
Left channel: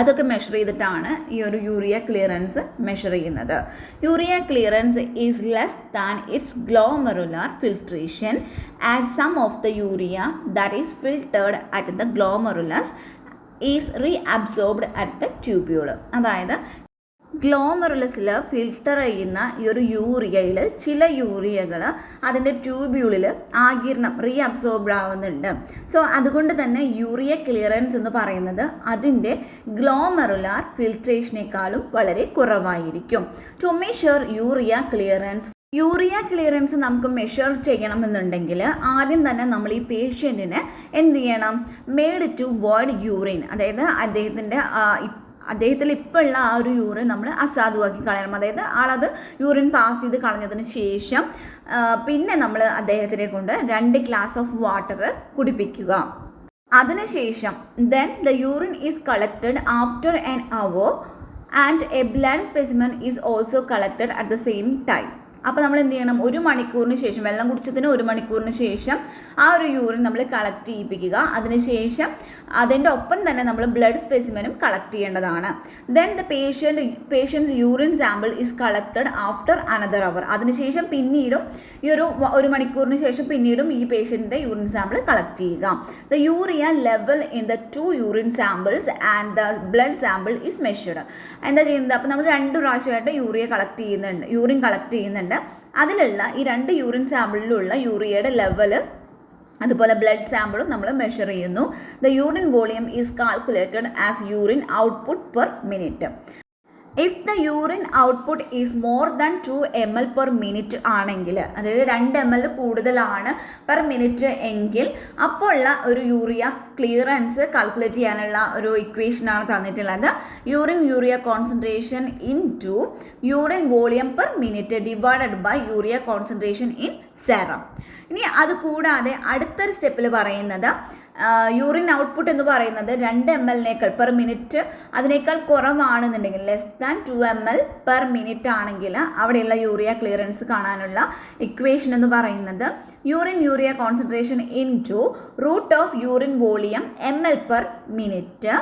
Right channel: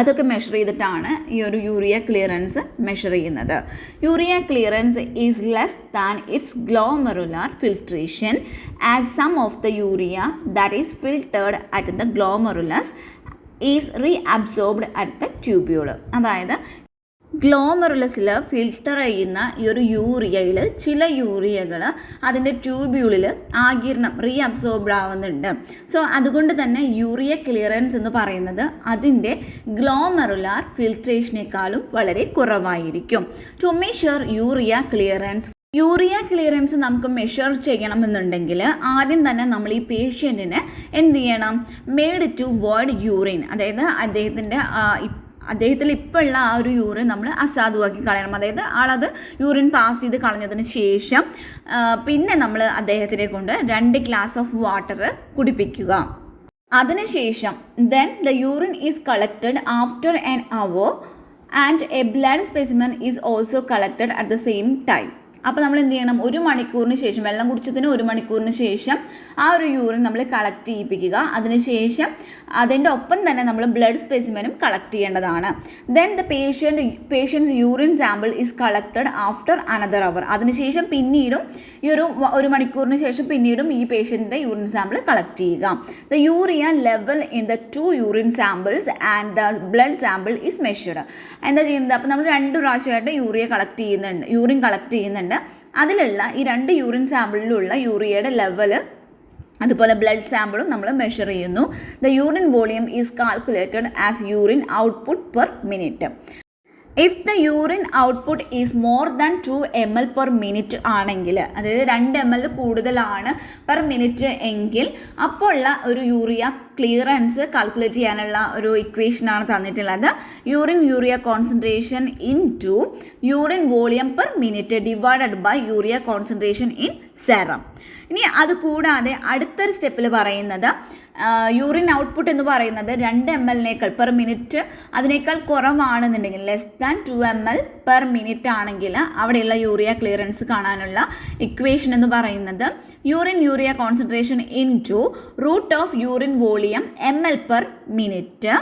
അതൊക്കെ മെഷർ ചെയ്തിട്ടാണ് ഈ ഒരു യൂറിയ ക്ലിയറൻസ് മെഷർ ചെയ്യുന്നത്. Urea clearance is less than its glomerular filtration as some of the urea that is filtered at the glomerulus is reabsorbed at the tubule. അതായത് ഗ്ലോമെറുലസിൽ ഫിൽട്ടർ ചെയ്യുന്ന ഈ ഒരു യൂറിയയിൽ ചില യൂറിയകൾ അതിൻ്റെ ട്യൂബ്യൂളിൽ ആഗിരണം റീഅബ്സോർബ്ഡ് ആവുന്നുണ്ട്. സോ അതുകൊണ്ട് തന്നെ യൂറിയ ക്ലിയറൻസ് എന്ന് പറയുന്നത് അതിൻ്റെ ഗ്ലോമെറുലാർ ഫിൽട്രേഷനേക്കാളും വളരെ കുറവായിരിക്കും. ടു മെഷർ യൂറിയ ക്ലിയറൻസ് നമുക്ക് മെഷർ ചെയ്യണമെന്നുണ്ടെങ്കിൽ ആദ്യം തന്നെ നമ്മൾ ഈ പേഷ്യൻറ്റിനെ എന്ത് ചെയ്യണം, മെയ്ഡ് ടു വോയ്ഡ് യൂറിൻ, അതായത് അദ്ദേഹത്തിൽ ഇപ്പോൾ ഉള്ള ആ ഒരു യൂറിൻ നമ്മൾ അസാധുവാക്കി കളയണം. അതായത് ആളത് യൂറിൻ പാസ് ചെയ്ത് കളഞ്ഞതിന് ശേഷം പിന്നെ നമ്മൾ അദ്ദേഹത്തിനെ കൊണ്ട് 2 ഗ്ലാസ് ഓഫ് വാട്ടർ കുടിപ്പിക്കുക. അതിനുശേഷം then the urine is collected after an hour and a blood specimen is also collected at the same time. അപ്പോൾ നമ്മൾ എന്ത് ചെയ്യണം, 1 മണിക്കൂറിന് ശേഷം, വെള്ളം കുടിച്ചതിന് 1 മണിക്കൂറിന് ശേഷം ആ ഒരു യൂറിൻ നമ്മൾ കളക്ട് ചെയ്യിപ്പിക്കുക. അതിനുശേഷം അതിൻ്റെ ഒപ്പം തന്നെ നമ്മൾ ബ്ലഡ് സ്പെസിമെനും കളക്ട് ചെയ്യേണ്ടതാണ്. Then the patient's urine sample is collected after another hour. അതിനുശേഷം പിന്നീടും ഈ ഒരു 1 മണിക്കൂറിന് ശേഷം പിന്നീടും ഈ പേഷ്യൻ്റെ യൂറിൻ സാമ്പിൾ കളക്ട് ചെയ്യുക. The urea level in the 2 urine samples and the blood sample is measured. എന്താ ചെയ്യുന്നത്, അപ്പോൾ നമ്മൾ 2 പ്രാവശ്യമായിട്ട് യൂറിൻ കളക്ട് ചെയ്യുന്നുണ്ട്. അതിലുള്ള ഈ 2 യൂറിൻ സാമ്പിളിലുള്ള യൂറിയയുടെ ലെവൽ അതുപോലെ ബ്ലഡ് സാമ്പിളും നമ്മൾ മെഷർ ചെയ്യുന്നു. The urine volume is calculated as urine output per minute. If the urine output is more than 2 ml per minute ആണെങ്കിൽ, അതായത് 2 ml കൂടുതലാണ് പെർ മിനിറ്റ് എങ്കിൽ അപ്പോൾ ഉള്ള ഒരു യൂറിയ ക്ലിയറൻസ് കാൽക്കുലേറ്റ് ചെയ്യാനുള്ള ഒരു ഇക്വേഷനാണ് തന്നിട്ടുള്ളത്. Urea concentration into urine volume per minute divided by urea concentration in serum. ഇനി അത് കൂടാതെ അടുത്തൊരു സ്റ്റെപ്പിൽ പറയുന്നത് യൂറിൻ ഔട്ട്പുട്ട് എന്ന് പറയുന്നത് 2 ml പെർ മിനിറ്റ് അതിനേക്കാൾ കുറവാണെന്നുണ്ടെങ്കിൽ less than 2 ml per minute ആണെങ്കിൽ അവിടെയുള്ള യൂറിയ ക്ലിയറൻസ് കാണാനുള്ള ഇക്വേഷൻ എന്ന് പറയുന്നത് urea concentration into root of urine volume ml per minute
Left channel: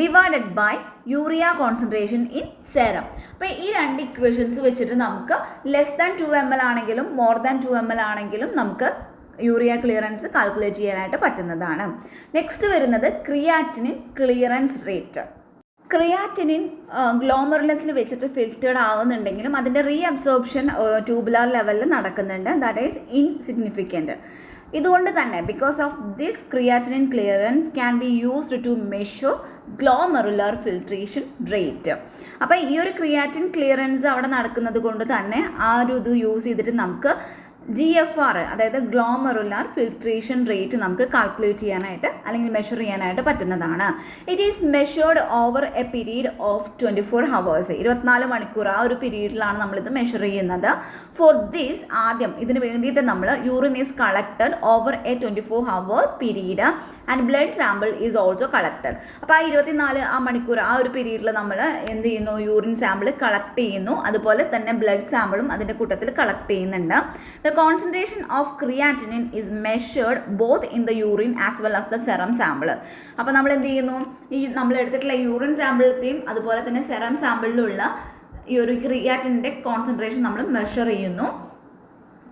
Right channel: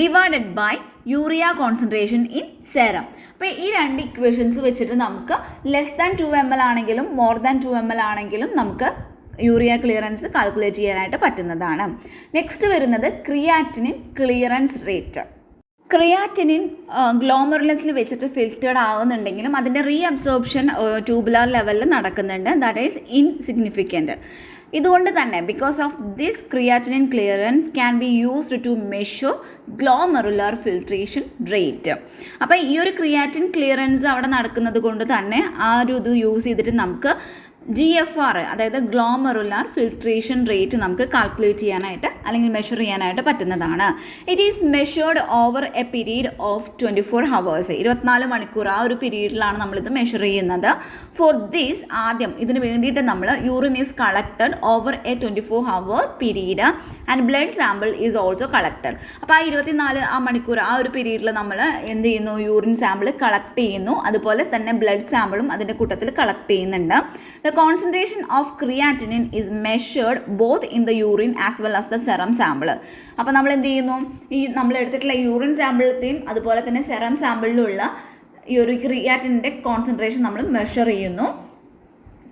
divided by urea concentration in serum. അപ്പോൾ ഈ രണ്ട് ഇക്വേഷൻസ് വെച്ചിട്ട് നമുക്ക് ലെസ് ദാൻ 2 ml ആണെങ്കിലും മോർ ദാൻ 2 ml ആണെങ്കിലും നമുക്ക് യൂറിയ ക്ലിയറൻസ് കാൽക്കുലേറ്റ് ചെയ്യാനായിട്ട് പറ്റുന്നതാണ്. നെക്സ്റ്റ് വരുന്നത് ക്രിയാറ്റിനിൻ ക്ലിയറൻസ് റേറ്റ്. ക്രിയാറ്റിനിൻ ഗ്ലോമറുലസിൽ വെച്ചിട്ട് ഫിൽറ്റേഡ് ആവുന്നുണ്ടെങ്കിലും അതിൻ്റെ റീഅബ്സോർപ്ഷൻ ട്യൂബുലാർ ലെവലിൽ നടക്കുന്നുണ്ട്. That is insignificant. ഇതുകൊണ്ട് തന്നെ because of this creatinine clearance can be used to measure glomerular filtration rate. അപ്പോൾ ഈ ഒരു ക്രിയാറ്റിൻ ക്ലിയറൻസ് അവിടെ നടക്കുന്നത് കൊണ്ട് തന്നെ ആ ഒരു ഇത് യൂസ് ചെയ്തിട്ട് നമുക്ക് GFR അതായത് ഗ്ലോമറുലാർ ഫിൽട്രേഷൻ റേറ്റ് നമുക്ക് കാൽക്കുലേറ്റ് ചെയ്യാനായിട്ട് അല്ലെങ്കിൽ മെഷർ ചെയ്യാനായിട്ട് പറ്റുന്നതാണ്. It is measured over A period of 24 hours. 24 മണിക്കൂർ ആ ഒരു പീരീഡിലാണ് നമ്മളിത് മെഷർ ചെയ്യുന്നത്. ഫോർ ദിസ് ആദ്യം ഇതിന് വേണ്ടിയിട്ട് നമ്മൾ urine is collected over A 24 hour period and blood sample is also collected. അപ്പോൾ ആ 24 മണിക്കൂർ ആ ഒരു പീരീഡിൽ നമ്മൾ എന്ത് ചെയ്യുന്നു, യൂറിൻ സാമ്പിൾ കളക്ട് ചെയ്യുന്നു. അതുപോലെ തന്നെ ബ്ലഡ് സാമ്പിളും അതിൻ്റെ കൂട്ടത്തിൽ കളക്ട് ചെയ്യുന്നുണ്ട്. The concentration of creatinine is measured both in the urine as well as the serum sample. അപ്പോൾ നമ്മൾ എന്ത് ചെയ്യുന്നു, ഈ നമ്മൾ എടുത്തിട്ടുള്ള യൂറിൻ സാമ്പിളത്തെയും അതുപോലെ തന്നെ സെറം സാമ്പിളിലുള്ള ഈ ഒരു ക്രിയാറ്റിനിൻ്റെ കോൺസെൻട്രേഷൻ നമ്മൾ മെഷർ ചെയ്യുന്നു.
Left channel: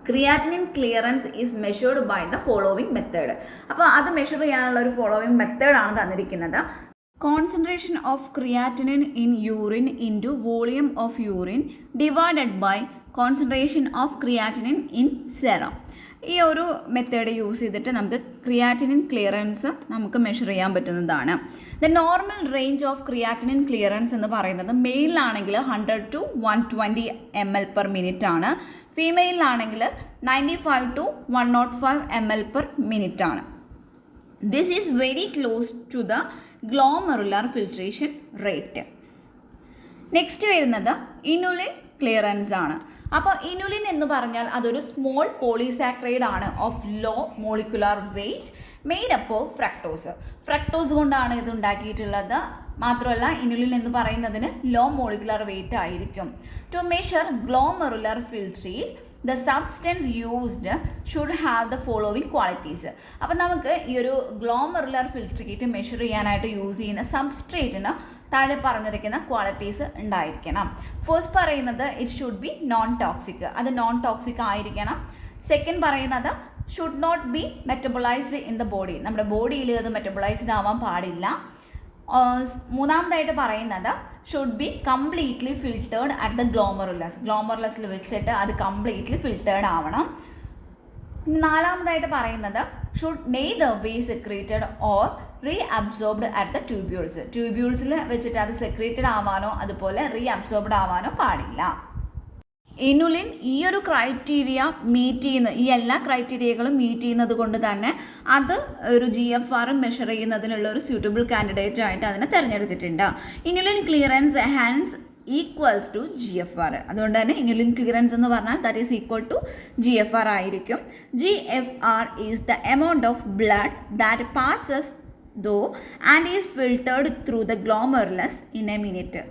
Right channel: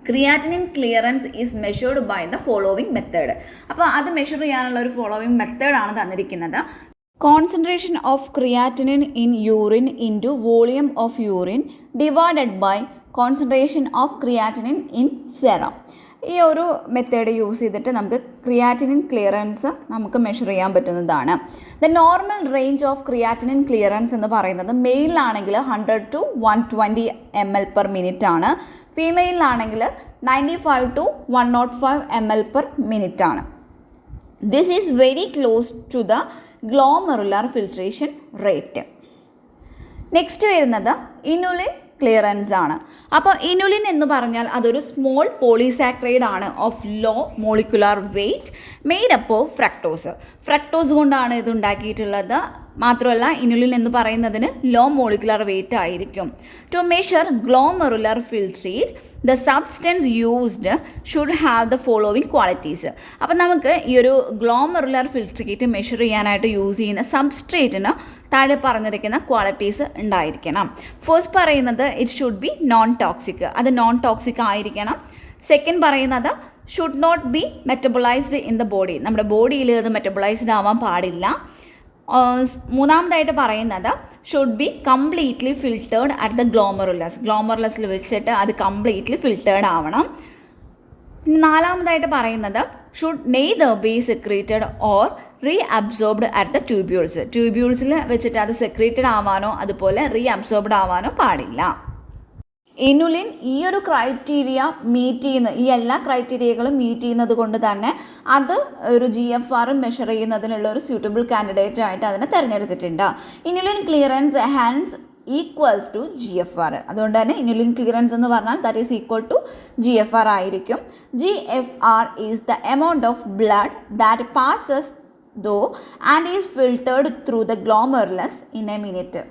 Creatinine clearance is measured by the following method. അപ്പോൾ അത് മെഷർ ചെയ്യാനുള്ള ഒരു ഫോളോവിങ് മെത്തേഡാണ് തന്നിരിക്കുന്നത്. Concentration of creatinine in urine into volume of urine divided by concentration of creatinine in serum. ഈ ഒരു മെത്തേഡ് യൂസ് ചെയ്തിട്ട് നമുക്ക് ക്രിയാറ്റിനിൻ ക്ലിയറൻസ് നമുക്ക് മെഷർ ചെയ്യാൻ പറ്റുന്നതാണ്. The normal range of creatinine clearance എന്ന് പറയുന്നത് മെയിലാണെങ്കിൽ 100 to 120 ml പെർ മിനിറ്റ് ആണ്. ഫീമെയിലാണെങ്കിൽ 95 to 105 ml പെർ മിനിറ്റ് ആണ്. This is very close to the glomerular filtration rate. Next വരുന്നത് ഇനുലിൻ ക്ലിയറൻസ് ആണ്. അപ്പോൾ ഇനുലിൻ എന്ന് പറഞ്ഞാൽ അതൊരു സ്മോൾ പോളിസാക്രൈഡ് ആണ് of low molecular weight made up of fructose കൊണ്ടാണ് ഇത് ഉണ്ടാക്കിയിട്ടുള്ളത്. മാത്രമല്ല ഇനുലിൻ എന്ന് പറയുന്നതിന് ലോ മോളിക്കുലർ വെയ്റ്റ് ആയിരിക്കും. To measure glomerular filtrate the substance used should have the following qualities. അപ്പം നമുക്ക് ഈ ഒരു ഗ്ലോമറുലർ ഫിൽട്രേറ്റ് മെഷർ ചെയ്യാനായിട്ട് യൂസ് ചെയ്യുന്ന സബ്സ്ട്രേറ്റിന് താഴെ പറഞ്ഞിരിക്കുന്ന ക്വാളിറ്റീസ് ഉണ്ടായിരിക്കണം. ഫസ്റ്റ് പറയുന്നത് it should be non toxic, അത് നോൺ ടോക്സിക് ആയിരിക്കണം. സെക്കൻഡ് പറയുന്നത് should not be metabolised in the body, നമ്മുടെ ബോഡിയിൽ അത് മെറ്റബോളൈസ്ഡ് ആവാൻ പാടില്ല. മൂന്നാമതായിട്ട് പറയുന്നത് should be completely filtered at the ഗ്ലോമറുലസിൽ വെച്ചിട്ട് അത് കംപ്ലീറ്റ്ലി ഫിൽറ്റേർഡ് ആവണം. നാലാമതായിട്ട് പറയുന്നത് should neither B secreted or reabsorbed at the ട്യൂബ്യൂൾസിൽ വെച്ചിട്ട് അത് സെക്രീറ്റഡ് ആവാനോ അതുപോലെ റീഅബ്സോർബ്ഡ് ആവാനോ പാടില്ല. ഇനുലിൻ ഈ ഒരു ക്രൈറ്റീരിയ മീറ്റ് ചെയ്യുന്ന ഈ എല്ലാ ക്രൈറ്റീരിയകളും മീറ്റ് ചെയ്യുന്നത് കൊണ്ട് തന്നെ അത് ഒരു GFR മെഷർ ചെയ്യുന്നതിനുള്ള ഒരു സ്യൂട്ടബിൾ കാൻഡിഡേറ്റ് ആയിട്ട് അതിനെ തിരഞ്ഞെടുത്തിട്ടുണ്ട്. Inulin clearance hence equals to GFR. അതുകൊണ്ട് തന്നെ ഇനുലിൻ ക്ലിയറൻസ് എന്ന് പറഞ്ഞാൽ that is equal to GFR ആയിരിക്കും. GFR is the amount of blood that passes though and is filtered through the glomerulus in a minute.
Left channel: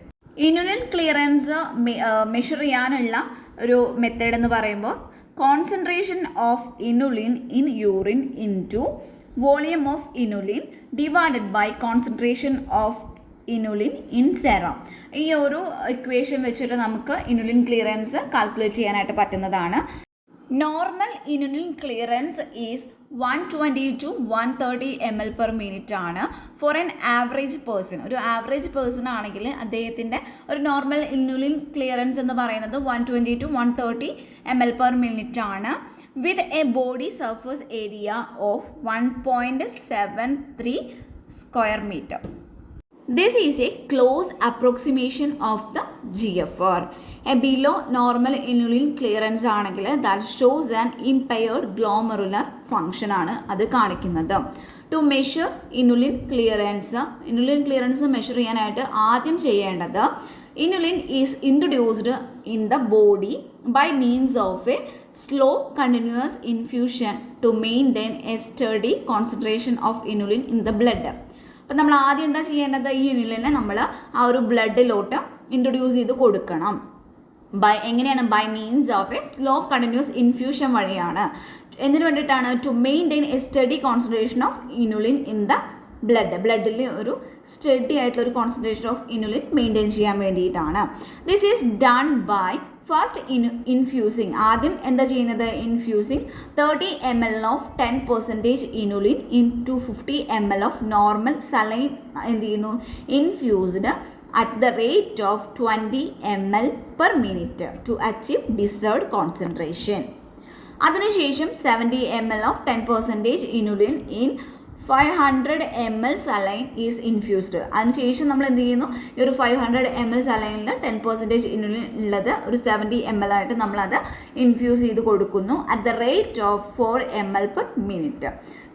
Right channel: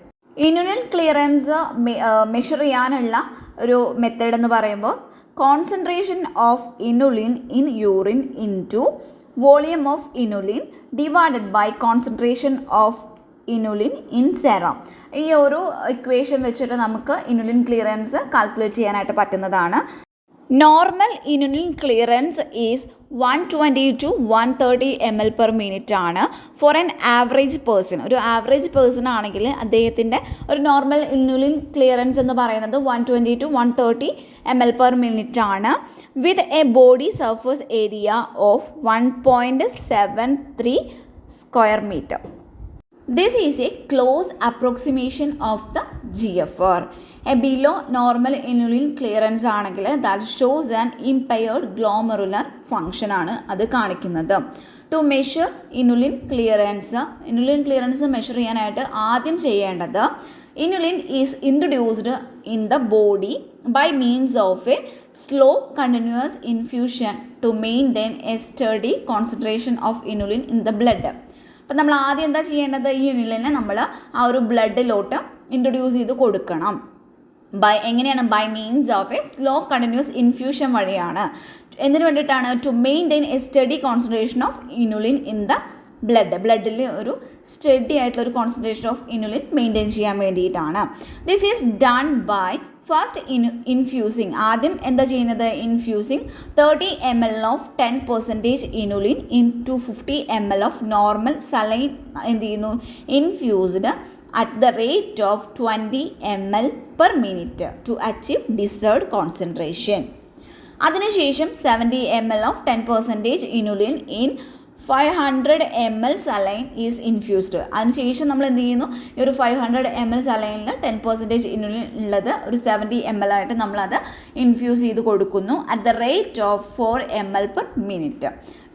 Inulin clearance measure ചെയ്യാനുള്ള ഒരു മെത്തേഡ് എന്ന് പറയുമ്പോൾ concentration of inulin in urine into volume of inulin divided by concentration of inulin in serum. ഈ ഒരു ഇക്വേഷൻ വെച്ചിട്ട് നമുക്ക് ഇനുലിൻ ക്ലിയറൻസ് കാൽക്കുലേറ്റ് ചെയ്യാനായിട്ട് പറ്റുന്നതാണ്. Normal inulin clearance is 120 to 130 ml per minute ആണ് ഫോർ എൻ ആവറേജ് പേഴ്സൺ. ഒരു ആവറേജ് പേഴ്സൺ ആണെങ്കിൽ അദ്ദേഹത്തിൻ്റെ ഒരു നോർമൽ ഇനുലിൻ ക്ലിയറൻസ് എന്ന് പറയുന്നത് 120 to 130 ml പെർ മിനിറ്റ് ആണ്. With a body surface area of 1.73 square metre. This is a close approximation of the GFR. A below normal inulin clearance ആണെങ്കിൽ that shows an impaired glomerular function ആണ് അത് കാണിക്കുന്നത്. To measure inulin clearance measure ചെയ്യാനായിട്ട് ആദ്യം ചെയ്യേണ്ടത് inulin is introduced in the body by means of a slow continuous infusion to maintain a steady concentration of inulin in the blood. അപ്പം നമ്മൾ ആദ്യം എന്താ ചെയ്യേണ്ടത്, ഈ ഇനുലിനെ നമ്മൾ ആ ഒരു ബ്ലഡിലോട്ട് ഇൻട്രൊഡ്യൂസ് ചെയ്ത് കൊടുക്കണം. എങ്ങനെയാണ്? By means of a slow continuous infusion വഴിയാണ്. എന്തിനു വേണ്ടിയിട്ടാണ്? To maintain a steady concentration of inulin in the ബ്ലഡിൽ ഒരു സ്റ്റഡി ആയിട്ടുള്ള ഒരു കോൺസെൻട്രേഷൻ ഓഫ് ഇനുലിൻ മെയിൻറ്റെയിൻ ചെയ്യാൻ വേണ്ടിയിട്ടാണ്. This is done by first infusing. ആദ്യം എന്താ ചെയ്യുന്നത്? Infusing 30 ml of 10% inulin into 50 ml of normal saline എന്ത് ചെയ്യുന്നു? Infused at the rate of 20 ml per minute to achieve desired concentration. അതിനുശേഷം 70 ml of 10% inulin in 500 ml saline is infused. അതിനുശേഷം നമ്മൾ എന്ത് ചെയ്യുന്നു? ഈ ഒരു 500 ml സലൈനിൽ 10% ഇനുലിൻ ഉള്ളത് ഒരു 70 ml ആയിട്ട് നമ്മളത് ഇൻഫ്യൂസ് ചെയ്ത് കൊടുക്കുന്നു at the rate of 4 ml per minute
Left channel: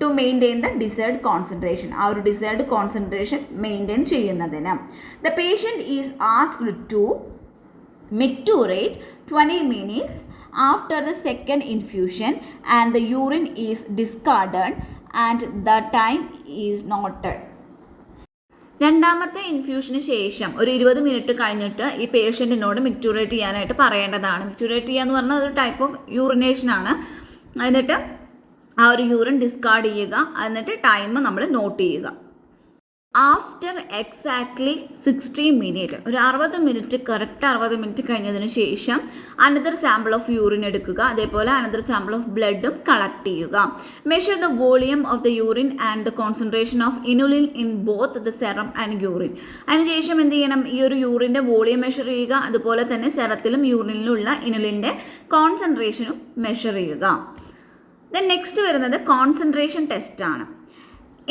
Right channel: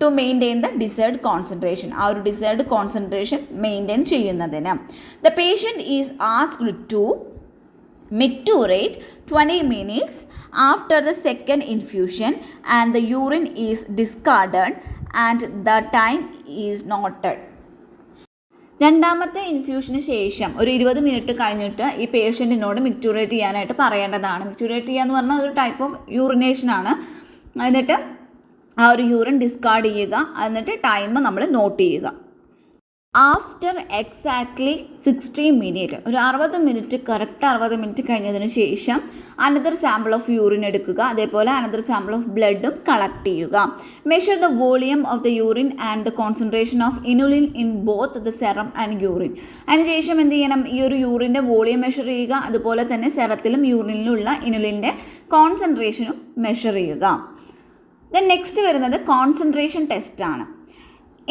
to maintain the desired concentration. ആ ഒരു ഡിസൈർഡ് കോൺസെൻട്രേഷൻ മെയിൻറ്റെയിൻ ചെയ്യുന്നതിന് the patient is asked to micturate 20 minutes after the second infusion and the urine is discarded and the time is noted. രണ്ടാമത്തെ ഇൻഫ്യൂഷന് ശേഷം ഒരു 20 മിനിറ്റ് കഴിഞ്ഞിട്ട് ഈ പേഷ്യൻറ്റിനോട് മിക്റ്റുറേറ്റ് ചെയ്യാനായിട്ട് പറയേണ്ടതാണ്. മിക്റ്റുറേറ്റ് ചെയ്യുക എന്ന് പറഞ്ഞാൽ ഒരു ടൈപ്പ് ഓഫ് യൂറിനേഷനാണ്. എന്നിട്ട് ആ ഒരു യൂറിൻ ഡിസ്കാർഡ് ചെയ്യുക, എന്നിട്ട് ടൈം നമ്മൾ നോട്ട് ചെയ്യുക. ആഫ്റ്റർ എക്സാക്ട്ലി 60 മിനിറ്റ്, ഒരു 60 മിനിറ്റ്, കറക്റ്റ് 60 മിനിറ്റ് കഴിഞ്ഞതിന് ശേഷം അനദർ സാമ്പിൾ ഓഫ് യൂറിൻ എടുക്കുക. അതേപോലെ അനദർ സാമ്പിൾ ഓഫ് ബ്ലഡും കളക്ട് ചെയ്യുക. Measure the volume of the urine and the concentration of inulin in both the serum and urine. അതിനുശേഷം എന്ത് ചെയ്യണം? ഈ ഒരു യൂറിൻ്റെ വോളിയം മെഷർ ചെയ്യുക. അതുപോലെ തന്നെ സെറത്തിലും യൂറിനിലുള്ള ഇനുലിൻ്റെ കോൺസെൻട്രേഷനും മെഷർ ചെയ്യുക. ദെൻ നെക്സ്റ്റ് വരുന്നത് കോൺസെൻട്രേഷൻ ടെസ്റ്റാണ്.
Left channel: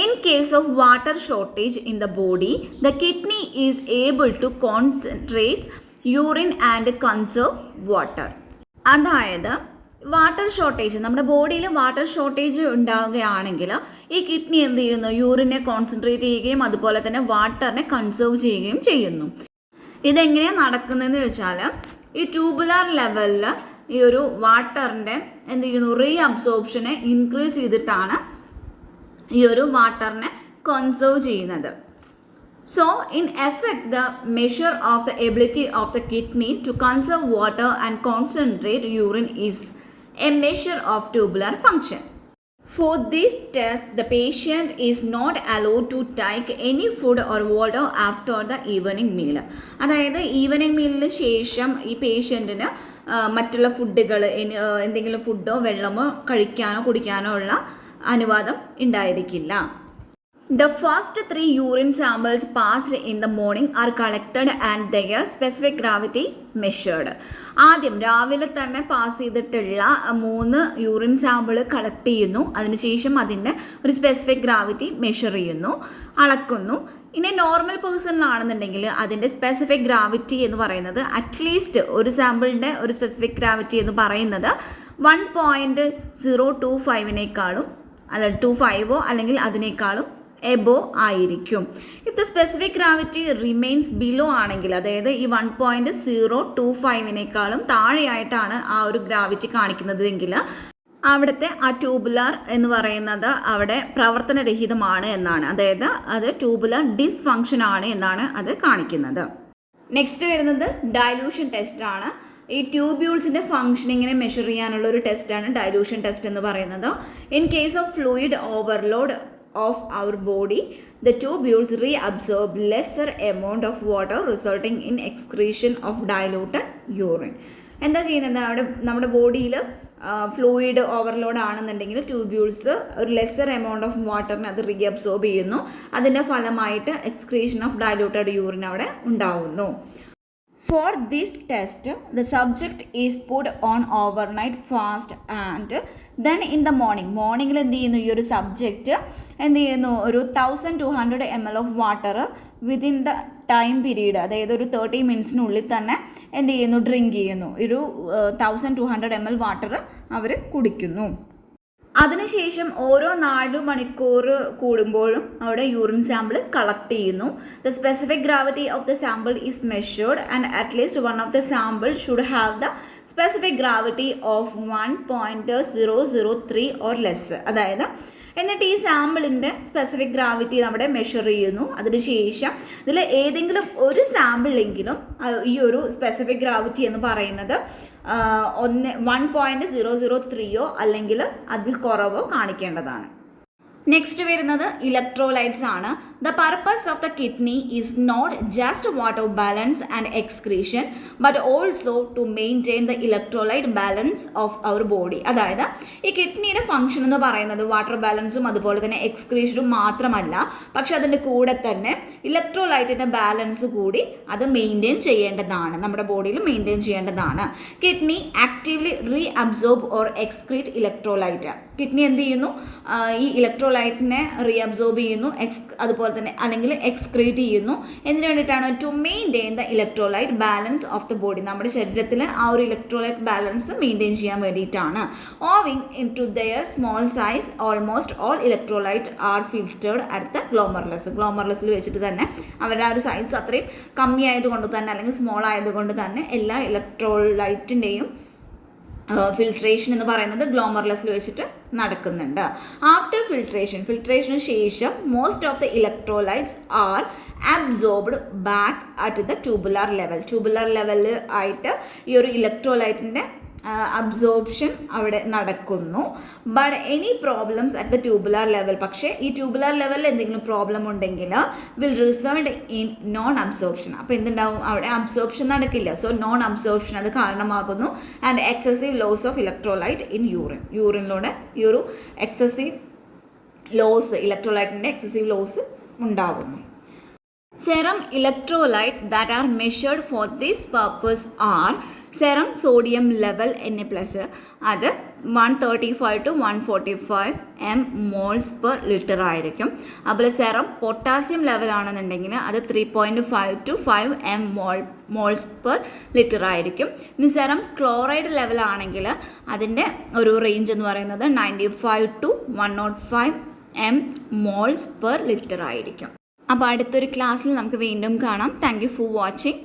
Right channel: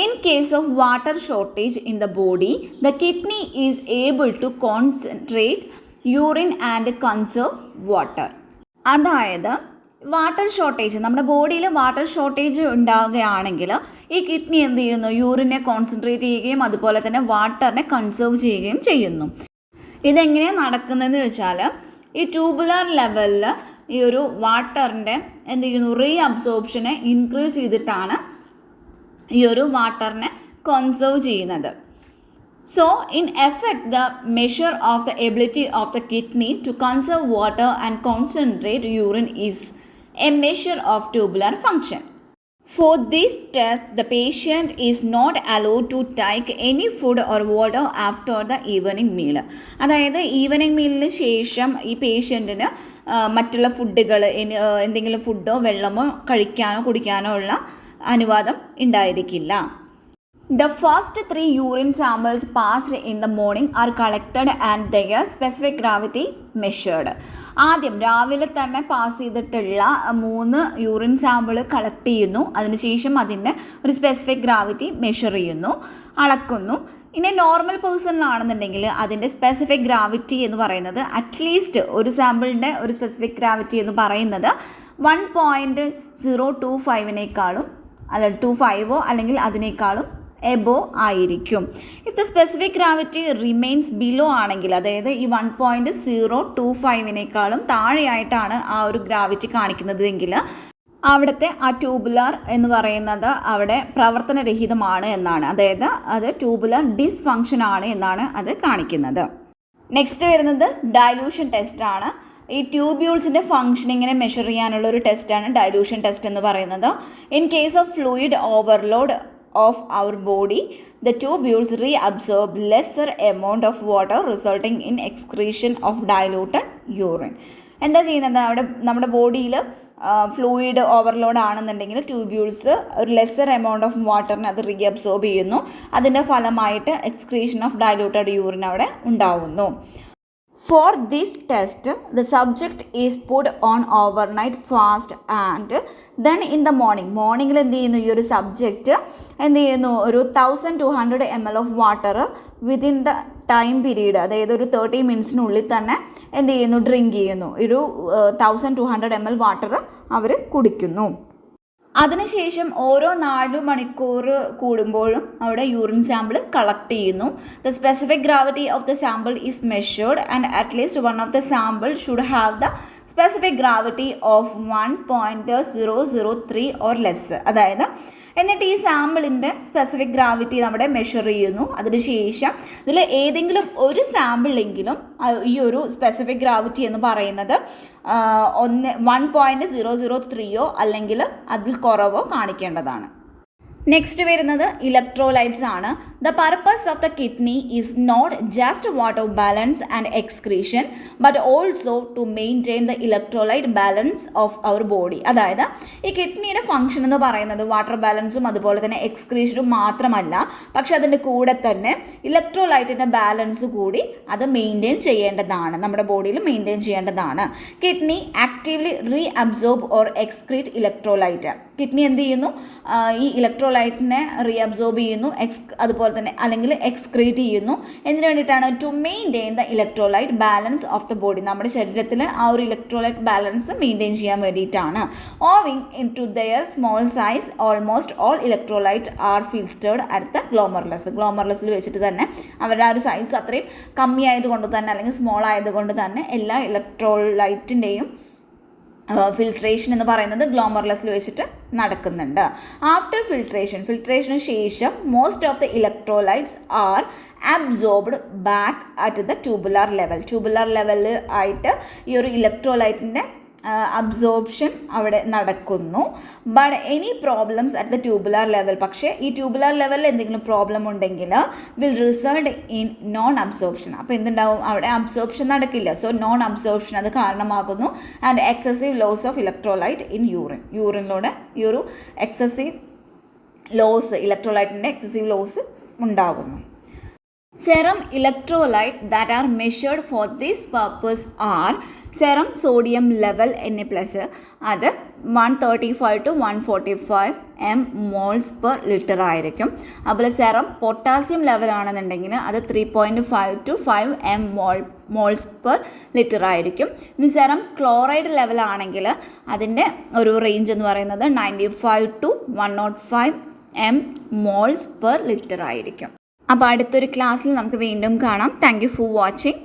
In case of water shortage in the body, the kidney is able to concentrate urine and conserve water. അതായത് വാട്ടർ ഷോർട്ടേജ്, നമ്മുടെ ബോഡിയിൽ വാട്ടർ ഷോർട്ടേജ് ഉണ്ടാവുകയാണെങ്കിൽ ഈ കിഡ്നി എന്ത് ചെയ്യുന്നു? യൂറിനെ കോൺസെൻട്രേറ്റ് ചെയ്യുകയും അതുപോലെ തന്നെ വാട്ടറിനെ കൺസേർവ് ചെയ്യുകയും ചെയ്യുന്നു. ഇതെങ്ങനെയാണ് നടക്കുന്നതെന്ന് വെച്ചാൽ ഈ ട്യൂബുലാർ ലെവലിൽ ഈ ഒരു വാട്ടറിൻ്റെ എന്ത് ചെയ്യുന്നു? റീ അബ്സോർപ്ഷനെ ഇൻക്രീസ് ചെയ്തിട്ടാണ് ഈ ഒരു വാട്ടറിനെ കൺസേർവ് ചെയ്യുന്നത്. So in effect the measure of the ability of the kidney to conserve water and concentrate urine is a measure of tubular function. For this test, the patient is not allowed to take any food or water after the evening meal. അതായത് ഈവനിങ് മീലിന് ശേഷം ഈ പേഷ്യൻറ്റിന് മറ്റുള്ള ഫുഡുകൾ, എന്തെങ്കിലും ഫുഡോ വെള്ളമോ കഴിക്കാനോ കുടിക്കാനോ ഉള്ള അനുവാദം ഉണ്ടായിരിക്കില്ല. The first 3 urine samples passed in the morning are collected and their specific gravity measured. ആദ്യം രാവിലെ തന്നെ പാസ് ചെയ്തിട്ടുള്ള 3 യൂറിൻ സാമ്പിൾ കളക്ട് ചെയ്യുന്നു. അതിനുശേഷം അതിൻ്റെ ഒരു സ്പെസിഫിക് ഗ്രാവിറ്റി മെഷർ ചെയ്യുന്നു, അളക്കുന്നു. ഇനി നോർമൽ പേഴ്സണിലാണെന്നുണ്ടെങ്കിൽ അതിൻ്റെ സ്പെസിഫിക് ഗ്രാവിറ്റി എന്ന് പറയുന്നത് അറ്റ്ലീസ്റ്റ് ഒരു സാമ്പിളിൻ്റെ ഒരു സ്പെസിഫിക് ഗ്രാവിറ്റി എന്ന് പറയുന്നത് 1.025 അല്ല 25 അല്ലെങ്കിൽ അതിനേക്കാളും എബോ ആയിരിക്കും. If the specific gravity remains below ആണെങ്കിൽ, അതായത് ഈ 1.025 താഴെയായിട്ടാണ് ആ ഒരു ഗ്രാവിറ്റി കാണിക്കുന്നതെങ്കിൽ അവിടുത്തെ ആ ട്യൂബുലാർ എന്ന് പറയുന്നത് അവിടെ പ്രവർത്തനരഹിതമാണ് എന്നാണ്. അതായത് അത് ട്യൂബുലാർ ഡിസ്ഫങ്ഷൻ ആണ് എന്നാണ് അത് കാണിക്കുന്നത്. നെക്സ്റ്റ് വരുന്നത് ഡൈലൂഷൻ ടെസ്റ്റാണ്. ഈ ട്യൂബ്യൂൾസിൻ്റെ ഫങ്ഷനിങ്ങിനെ മെഷർ ചെയ്യാനുള്ള ഒരു ടെസ്റ്റാണ് ഡൈലൂഷൻ ടെസ്റ്റ് എന്ന് പറയുന്നത്. In case of fluid overload of our body, the tubules reabsorb lesser amount of water resulting in excretion of diluted urine. എന്താ ചെയ്യുന്നത്? അവിടെ നമ്മുടെ ബോഡിയിൽ ഫ്ലൂയിഡ് ഓവർലോഡ് ആണെന്നുണ്ടെങ്കിൽ ട്യൂബ്യൂൾസ് ഒരു ലെസ്സർ എമൗണ്ട് ഓഫ് വാട്ടറിനെ അത് റീഅബ്സോർബ് ചെയ്യുന്നു. അതിൻ്റെ ഫലമായിട്ട് എക്സ്ക്രീഷൻ ഓഫ് ഡൈലൂട്ടഡ് യൂറിൻ അവിടെ ഉണ്ടാവുന്നു. For this test, the subject is put on overnight fast and then in the മോർണിംഗിൽ എന്ത് ചെയ്യുന്നു, ഈ ഒരു സബ്ജക്റ്റ് എന്ത് ചെയ്യുന്നു, ഒരു 1200 ml of water within the time period, അതായത് ഒരു 30 മിനിറ്റ്സിനുള്ളിൽ തന്നെ എന്ത് ചെയ്യുന്നു, ഡ്രിങ്ക് ചെയ്യുന്നു. ഒരു 1200 ml വാട്ടർ അവർ കുടിക്കുന്നു. അതിനുശേഷം ഓരോ 4 മണിക്കൂർ കൂടുമ്പോഴും അവിടെ യൂറിൻ സാമ്പിൾ കളക്ട് ചെയ്യുന്നു. The specific gravity of the sample is measured and at least one of the sample should have the specific gravity of 1.003 or less. അതായത് എന്നിട്ട് ഈ സാമ്പിളിൻ്റെ സ്പെസിഫിക് ഗ്രാവിറ്റി നമ്മുടെ മെഷർ ചെയ്യുന്നു. അതിനുശേഷം ഇതിൽ ഏതെങ്കിലും ഒരു സാമ്പിളെങ്കിലും ഈ ഒരു സ്പെസിഫിക് ഗ്രാവിറ്റി എന്ന് പറയുന്നത് 1.003 അല്ലെങ്കിൽ അതിൽ കുറവോ കാണിക്കേണ്ടതാണ്. നെക്സ്റ്റ് വരുന്നത് ഇലക്ട്രോലൈറ്റ്സ് ആണ്. The purpose of the kidney is not just water balance and excretion but also to maintain the electrolyte balance of our body. അതായത് ഈ കിഡ്നിയുടെ ഫംഗ്ഷൻ എന്ന് പറയുന്നത് വാട്ടർ ബാലൻസും അതുപോലെ തന്നെ എക്സ്ക്രീഷനും മാത്രമല്ല, പക്ഷെ അതിൻ്റെ കൂടെ തന്നെ ഇലക്ട്രോലൈറ്റിൻ്റെ ബാലൻസ് കൂടി അത് മെയിൻറ്റെയിൻ ചെയ്യേണ്ടതാണ്, നമ്മുടെ ബോഡിയിൽ മെയിൻറ്റെയിൻ ചെയ്യേണ്ടതാണ്. Kidney actively re absorb or excrete electrolyte. Kidney എന്ത് ചെയ്യുന്നു, ഈ ഇലക്ട്രോലൈറ്റിനെ റീ അബ്സോർബ് ചെയ്യുന്നു, അതുപോലെ തന്നെ അല്ലെങ്കിൽ എക്സ്ക്രീറ്റ് ചെയ്യുന്നു. എന്തിനു വേണ്ടിയിട്ടാണ്? To maintain the electrolyte balance of the body. നമ്മുടെ ശരീരത്തിൽ ആ ഒരു ഇലക്ട്രോലൈറ്റ് ബാലൻസ് മെയിൻറ്റെയിൻ ചെയ്യാൻ വേണ്ടിയിട്ടാണ്. Owing in to their small size almost all electrolyte are filtered at the glomerulus. ഗ്ലോമർലെസ്സിൽ വെച്ചിട്ട് തന്നെ അവരുടെ ആ ഒരു സൈസ് അത്രയും കമ്മി ആയതുകൊണ്ട് തന്നെ അല്ലെങ്കിൽ സ്മോൾ ആയതുകൊണ്ട് തന്നെ എല്ലാ ഇലക്ട്രോലൈറ്റിൻ്റെയും ഫിൽട്രേഷൻ എന്ന് പറയുന്നത് ഗ്ലോമർലെസ്സിൽ വെച്ചിട്ട് നടക്കുന്നുണ്ട്. ആഫ്റ്റർ ഫിൽട്രേഷന് ശേഷം most of the electrolytes are absorbed back at the tubular ലെവലിൽ ആയിട്ട് ഈ ഒരു ഇലക്ട്രോലൈറ്റിൻ്റെ അബ്സോർപ്ഷൻ അവിടെ നടക്കുന്നു. But any problems at the tubular level, പക്ഷേ ഈ ട്യൂബുലാർ ലെവലിൽ എന്തെങ്കിലും പ്രോബ്ലം ഉണ്ടെങ്കിൽ will result in non absorption. അപ്പോൾ എന്തുണ്ടാവും, അവിടെ അബ്സോർപ്ഷൻ നടക്കില്ല. സോ നോൺ അബ്സോർപ്ഷൻ അത് കാരണമാകുന്നു. And excessive loss of electrolyte in യൂറിനിലൂടെ ഈ ഒരു എക്സസീവ് ലോസ്, ഇലക്ട്രോലൈറ്റിൻ്റെ എക്സസീവ് ലോസ് ഉണ്ടാകുന്നു. Serum electrolyte that are measured for this purpose are serum sodium level Na+, അത് 135 to 145 moles per liter ആയിരിക്കും. അതുപോലെ സെറം പൊട്ടാസ്യം ലെവൽ ആണെന്നുണ്ടെങ്കിൽ അത് 3.5 to 5 moles per liter ആയിരിക്കും. ഇനി സെറം ക്ലോറൈഡ് ലെവൽ ആണെങ്കിൽ അതിൻ്റെ ഒരു റേഞ്ച് എന്ന് പറയുന്നത് 95 to 105 moles per liter ആയിരിക്കും. അപ്പോൾ അടുത്തൊരു ക്ലാസ്സിൽ നമുക്ക് വീണ്ടും കാണാം. Thank you for watching.